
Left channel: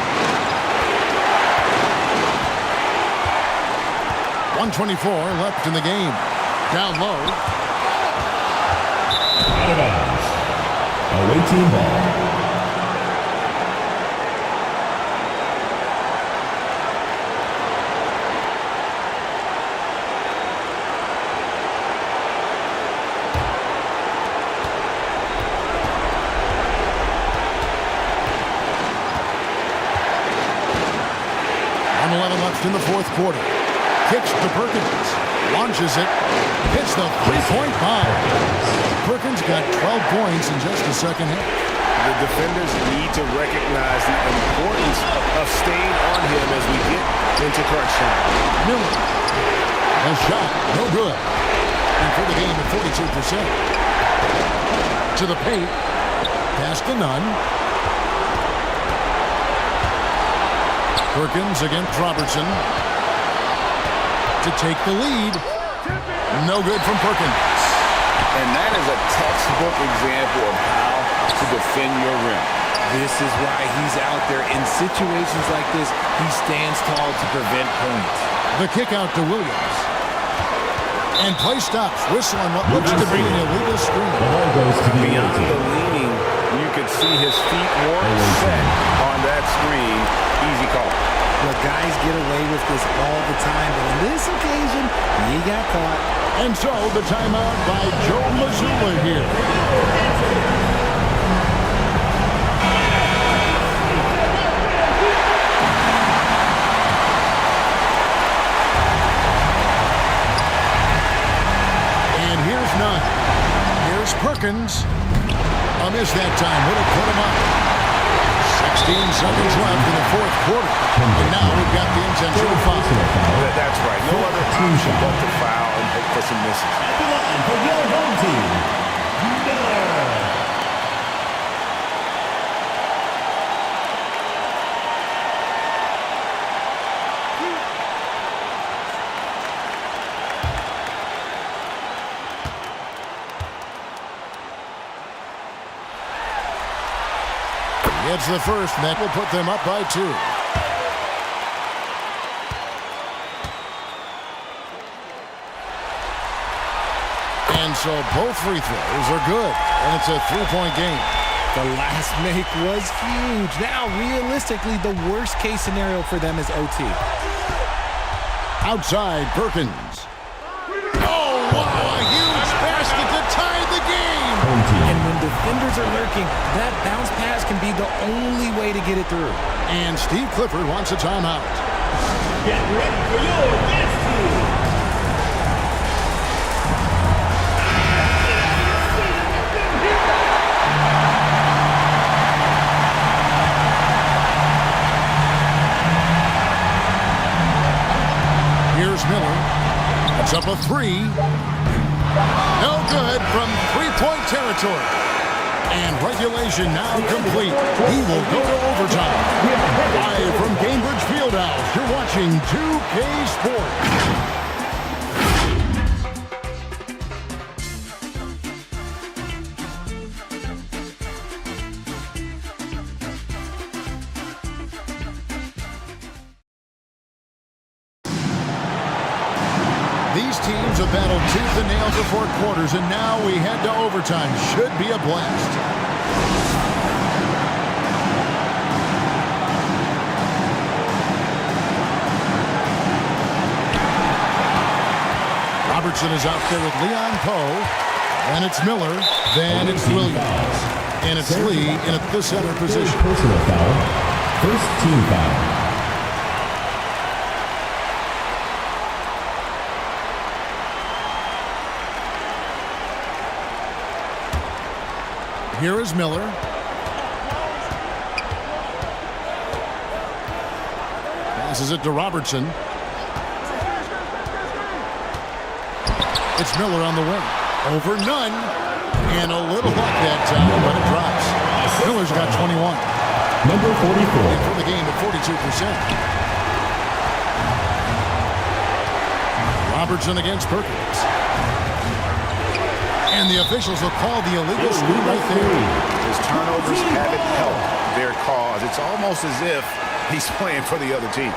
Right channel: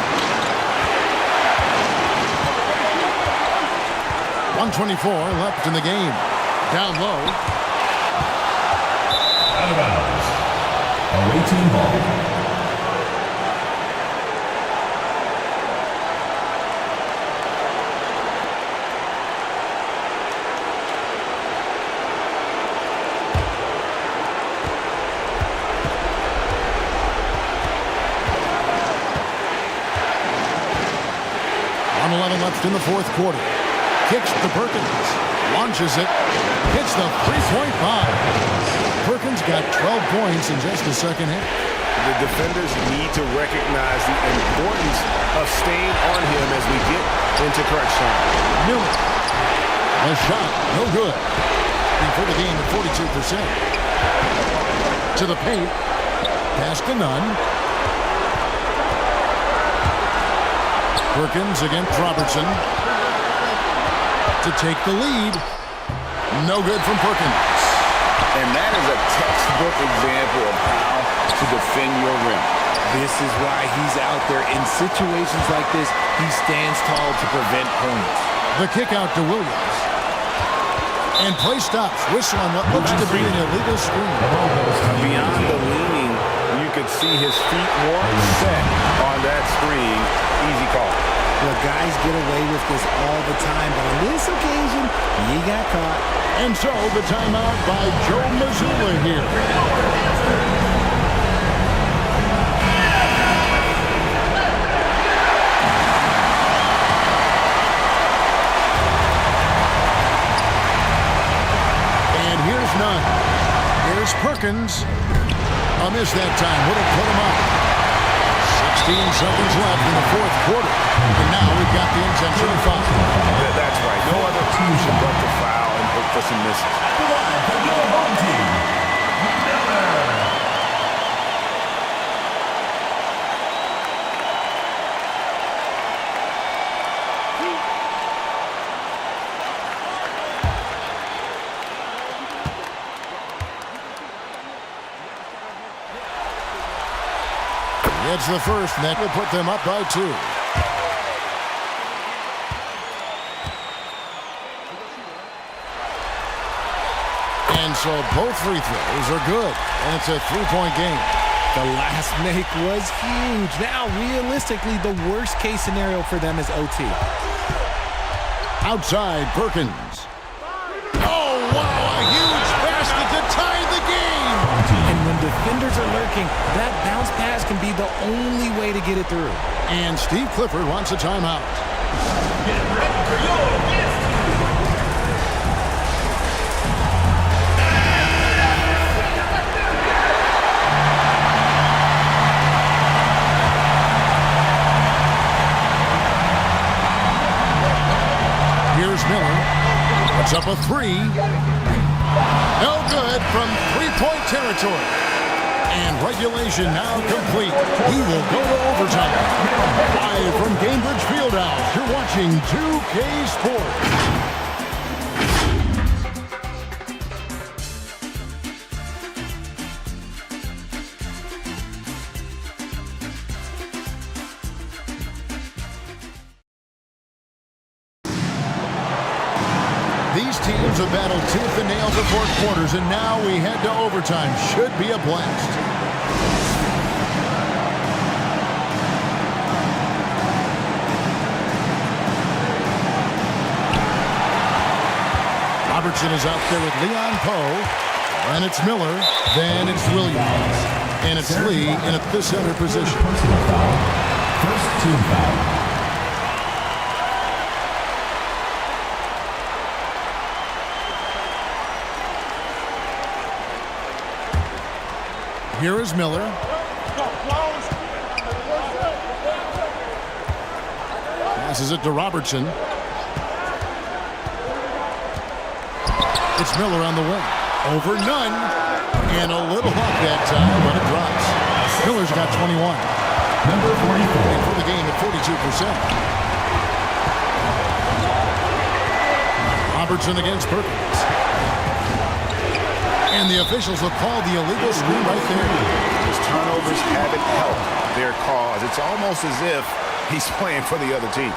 1:24 left in the game. Down low. Out of bounds. Away team ball. Left in the fourth quarter. Kicks to Perkins. Launches it. Hits the three-point bomb. Perkins got 12 points in just the second half. The defenders need to recognize the importance of staying on him as we get into crunch time. Miller. A shot. No good. And for the game at 42%. To the paint. Pass to none. Perkins against Robertson to take the lead. No good from Perkins. And that is a textbook example of how to defend your rim. This is why he's out there. In situations like this, he stands tall to prevent points. The kick out to Williams. And play stops. Whistle on what looks to be an illegal screen. Beyond the leaning, you could see his feet weren't set on that screen. Easy call. Look, guys get away with this all the time, but on this occasion, he got caught. And so the timeout by Joe Mazzulla here. And here's none. Here's Perkins. A miss that time. Would have put him up. 16 seconds left in the fourth quarter. And now we've got the intentional foul. That's right. No other option but to foul and hope for some misses. At the line for your home team, Miller. It's the first, and that will put them up by 2. And so both free throws are good, and it's a three-point game. The last make was huge. Now, realistically, the worst-case scenario for them is OT. Outside, Perkins. Oh, wow, a huge basket to tie the game. And when defenders are lurking, that bounce pass can be the only way to get it through. And Steve Clifford wants a timeout. Get ready for your dance team. Here's Miller. Puts up a three. No good from three-point territory. And regulation now complete. He will go to overtime. Live from Gainbridge Fieldhouse, you're watching 2K Sports. These teams have battled tooth and nail for 4 quarters, and now we head to overtime. Should be a blast. Robertson is out there with Leon Poe. Then it's Miller. Then it's Williams. And it's Lee in at the center position. Personal foul. First team foul. Here is Miller. Passes it to Robertson. It's Miller on the wing. Over Nunn. And a little luck that time, but it drops. Miller's got 21. Number 44. For the game at 42%. Robertson against Perkins. And the officials will call the illegal screen right there. His turnovers haven't helped their cause. It's almost as if he's playing for the other team.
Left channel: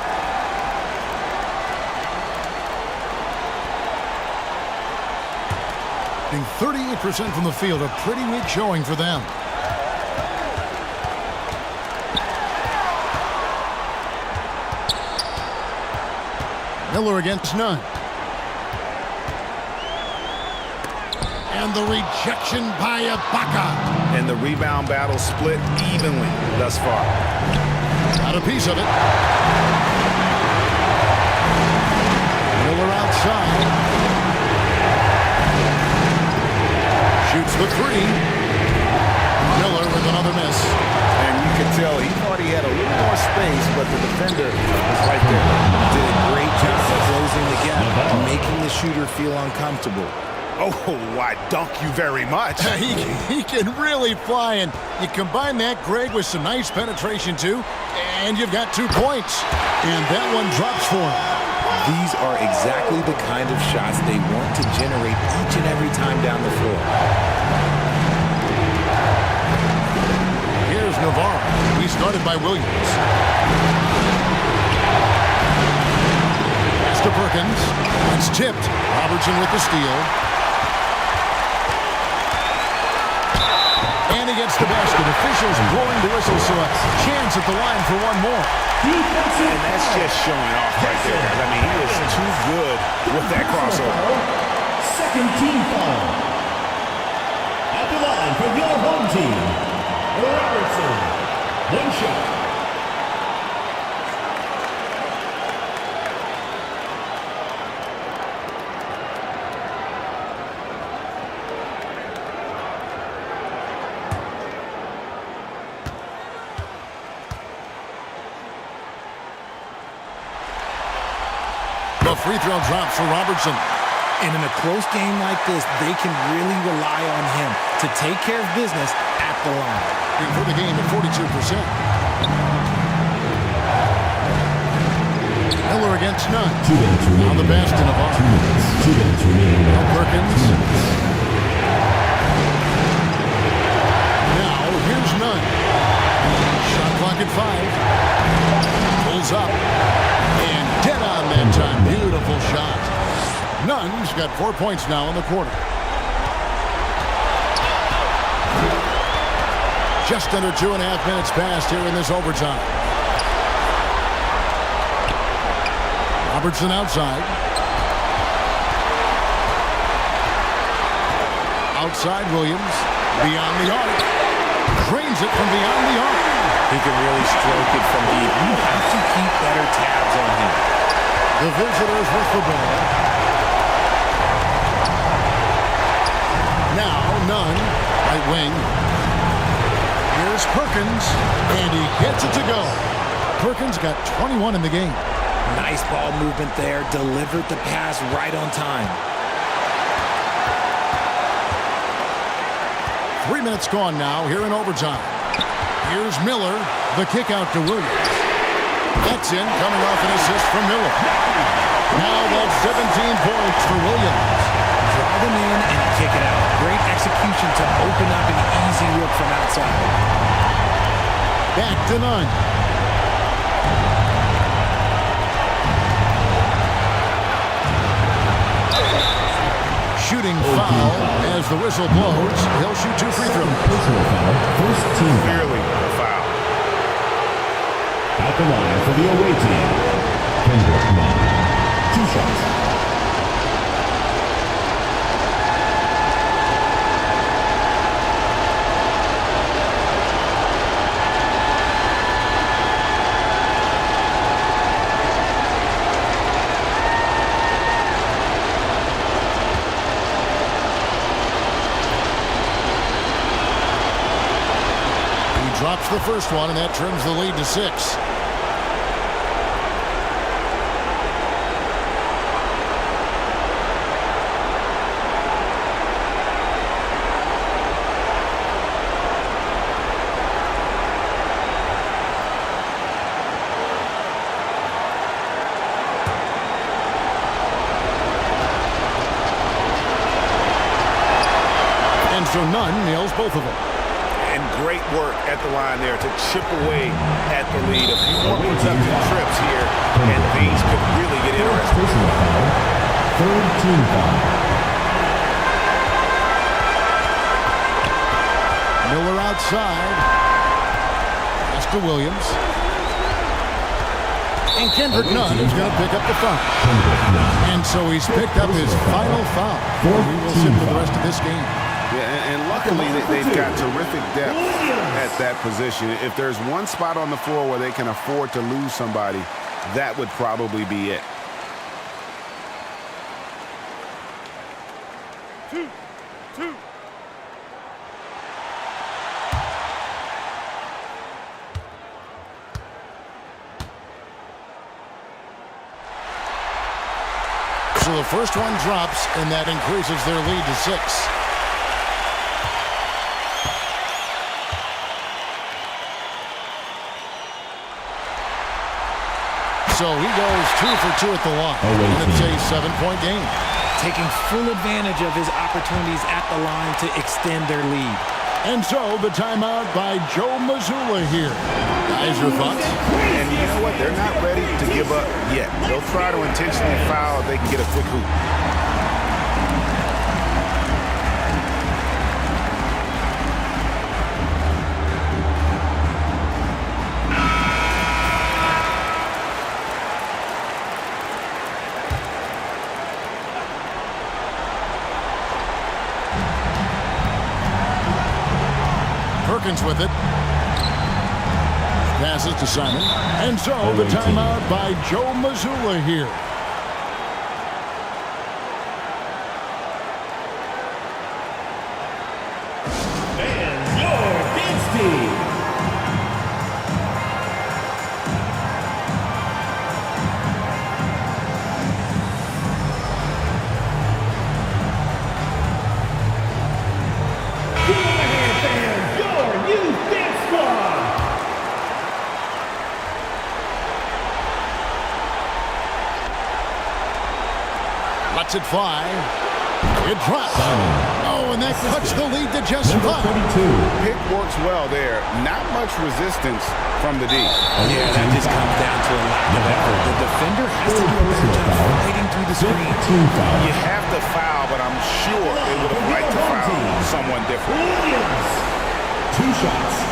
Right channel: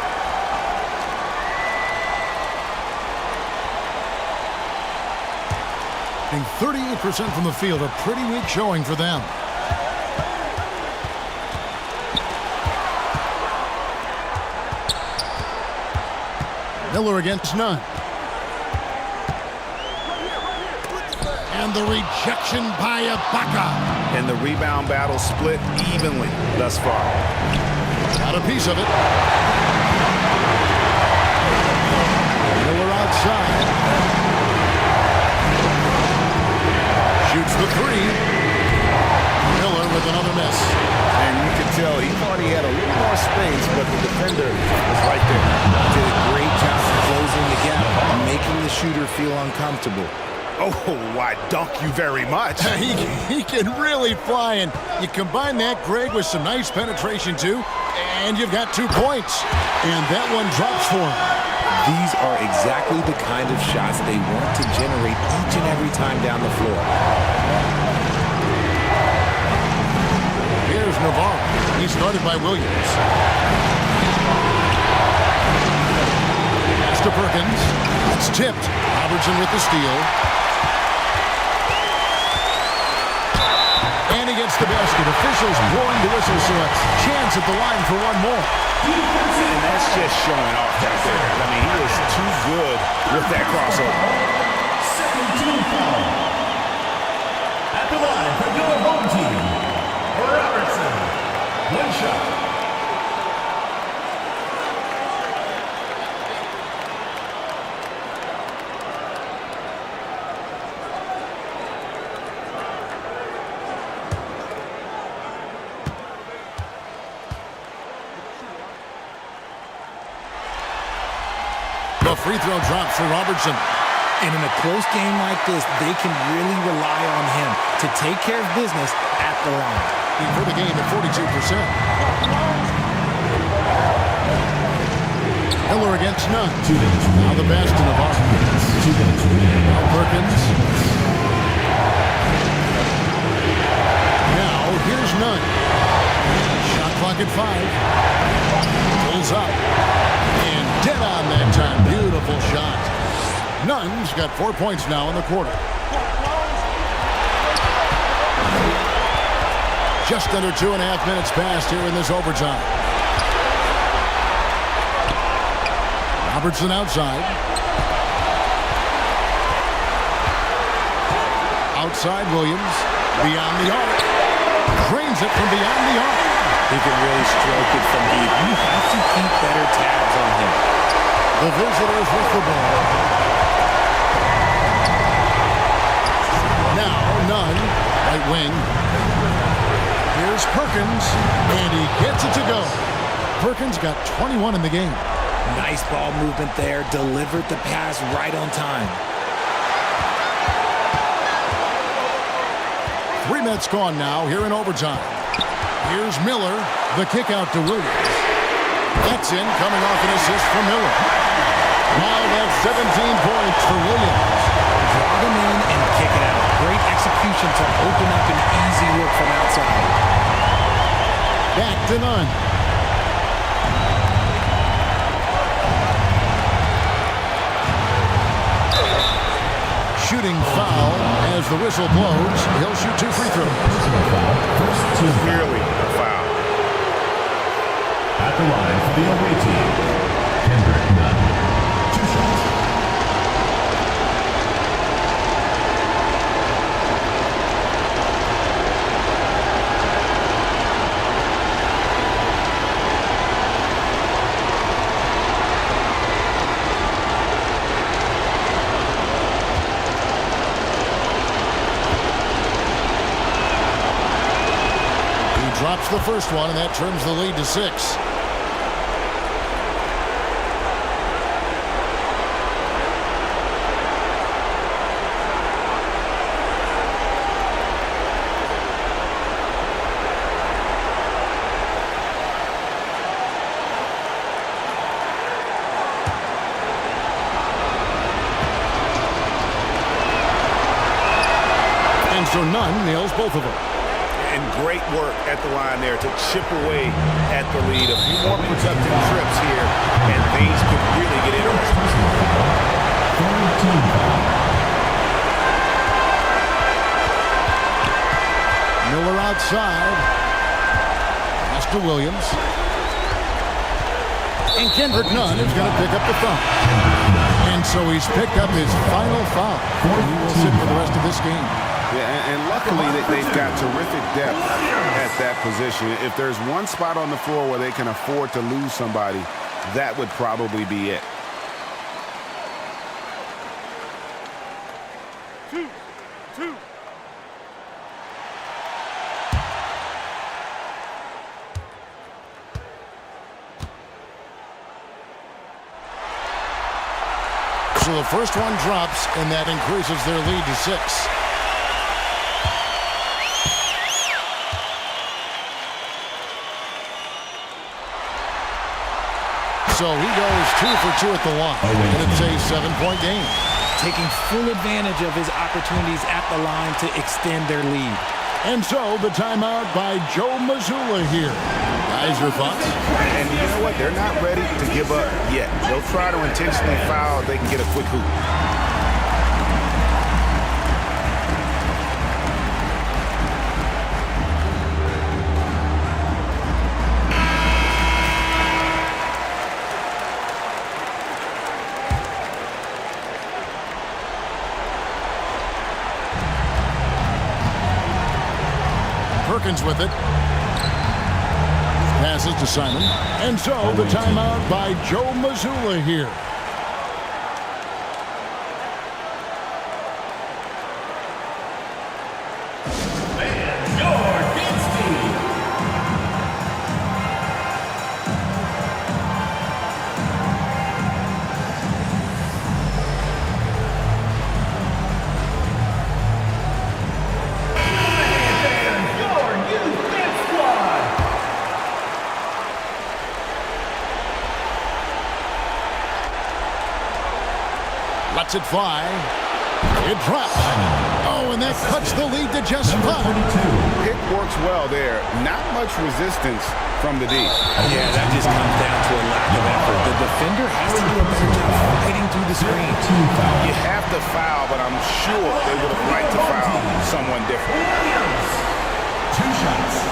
Being 38% from the field, a pretty weak showing for them. Miller against Nunn. And the rejection by Ibaka. And the rebound battle split evenly thus far. Got a piece of it. Miller outside. Shoots the three. Miller with another miss. And you could tell he thought he had a little more space, but the defender was right there. Did a great job of closing the gap, making the shooter feel uncomfortable. Oh, I dunk you very much. He can really fly, and you combine that, Greg, with some nice penetration, too, and you've got 2 points. And that one drops for him. These are exactly the kind of shots they want to generate each and every time down the floor. Here's Navarro. He's guarded by Williams. Pass to Perkins. It's tipped. Robertson with the steal. And he gets the basket. Officials blowing the whistle, so a chance at the line for one more. And that's just showing off right there, guys. I mean, he is too good with that crossover. Second team foul. At the line for your home team, Robertson. 1 shot. The free throw drop for Robertson. And in a close game like this, they can really rely on him to take care of business at the line. For the game at 42%. Miller against Nunn. Now the pass to Navarro. Now Perkins. Now here's Nunn. Shot clock at 5. Pulls up. And dead on that time. Beautiful shot. Nunn's got 4 points now in the quarter. Just under 2.5 minutes passed here in this overtime. Robertson outside. Outside Williams. Beyond the arc. Drains it from beyond the arc. He can really stroke it from deep. You have to keep better tabs on him. The visitors with the ball. Now Nunn, right wing. Here's Perkins, and he gets it to go. Perkins got 21 in the game. Nice ball movement there. Delivered the pass right on time. 3 minutes gone now here in overtime. Here's Miller, the kick out to Williams. That's in, coming off an assist from Miller. Now that's 17 points for Williams. Draw them in and kick it out. Great execution to open up an easy look from outside. Back to Nunn. Shooting foul as the whistle blows. He'll shoot 2 free throws. Personal foul. First team foul. Clearly a foul. At the line for the away team, Kendrick Nunn. 2 shots. drops the first one, and that trims the lead to 6. And so none nails both of them. And great work at the line there to chip away at the lead. A few more productive trips here, and things could really get interesting. Personal foul. Third team foul. Miller outside. Pass to Williams. And Kendrick Nunn is going to pick up the foul. And so he's picked up his final foul. He will sit for the rest of this game. Yeah, and luckily they've got terrific depth at that position. If there's one spot on the floor where they can afford to lose somebody, that would probably be it. 2-2. So the first one drops, and that increases their lead to 6. So he goes 2 for 2 at the line, and it's a 7-point game. Taking full advantage of his opportunities at the line to extend their lead. And so the timeout by Joe Mazzulla here. Guys, your thoughts? And you know what? They're not ready to give up yet. They'll try to intentionally foul if they can get a quick hoop. Perkins with it. Passes to Simon. And so the timeout by Joe Mazzulla here. And your dance team. Lets it fly. It drops. Oh, and that cuts the lead to just 5. Pick works well there. Not much resistance from the D. Yeah, that just comes down to a lack of effort. The defender has to do a better job fighting through the screen. You have to foul, but I'm sure they would have liked to foul someone different. Williams. 2 shots.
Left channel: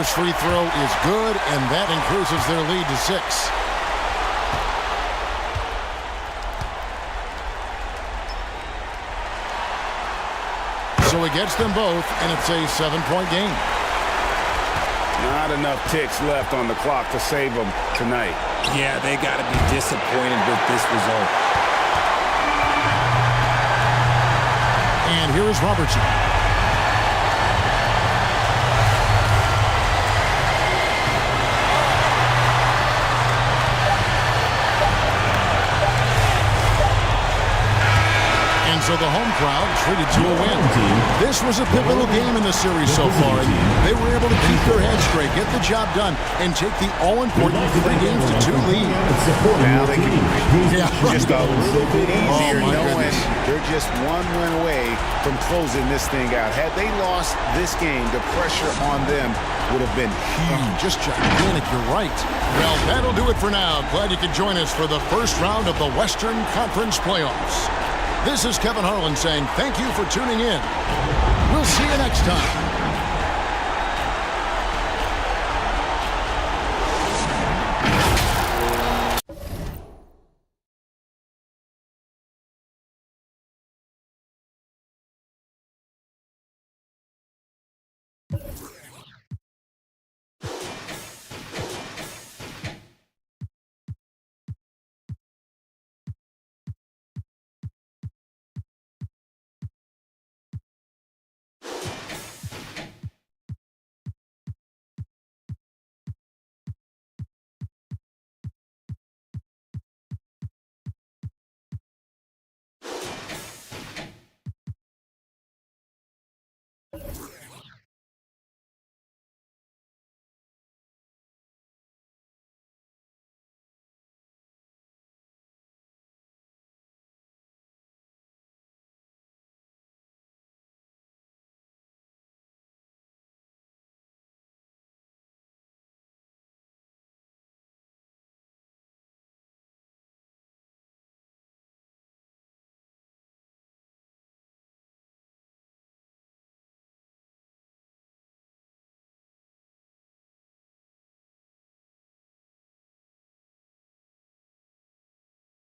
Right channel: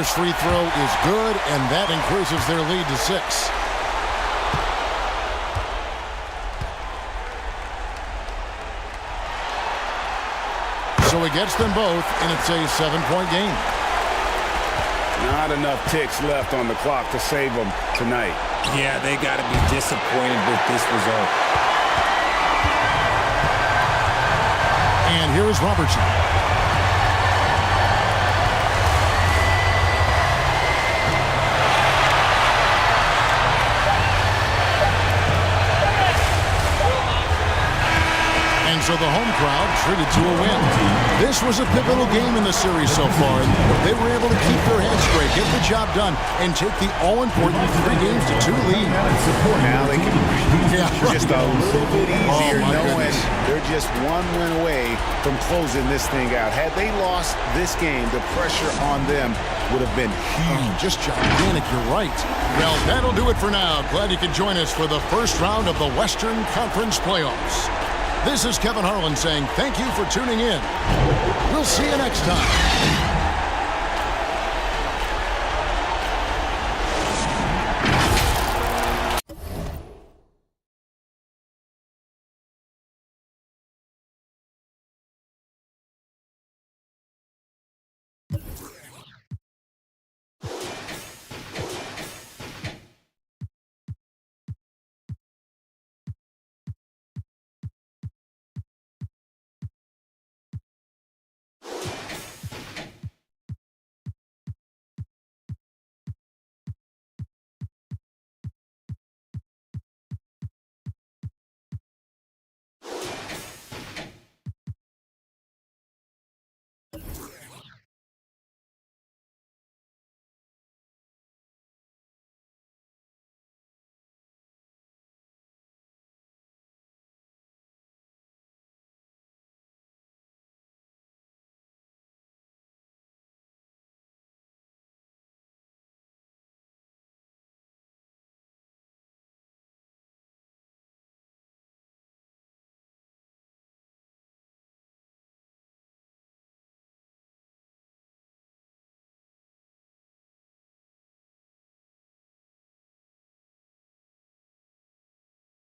First free throw is good, and that increases their lead to 6. So he gets them both, and it's a 7-point game. Not enough ticks left on the clock to save them tonight. Yeah, they got to be disappointed with this result. And here is Robertson. And so the home crowd treated to a win. This was a pivotal game in the series so far, and they were able to keep their heads straight, get the job done, and take the all-important 3-2 lead. Now they can breathe just a little bit easier knowing they're just one win away from closing this thing out. Had they lost this game, the pressure on them would have been huge. Just gigantic, you're right. Well, that'll do it for now. Glad you could join us for the first round of the Western Conference Playoffs. This is Kevin Harlan saying thank you for tuning in. We'll see you next time.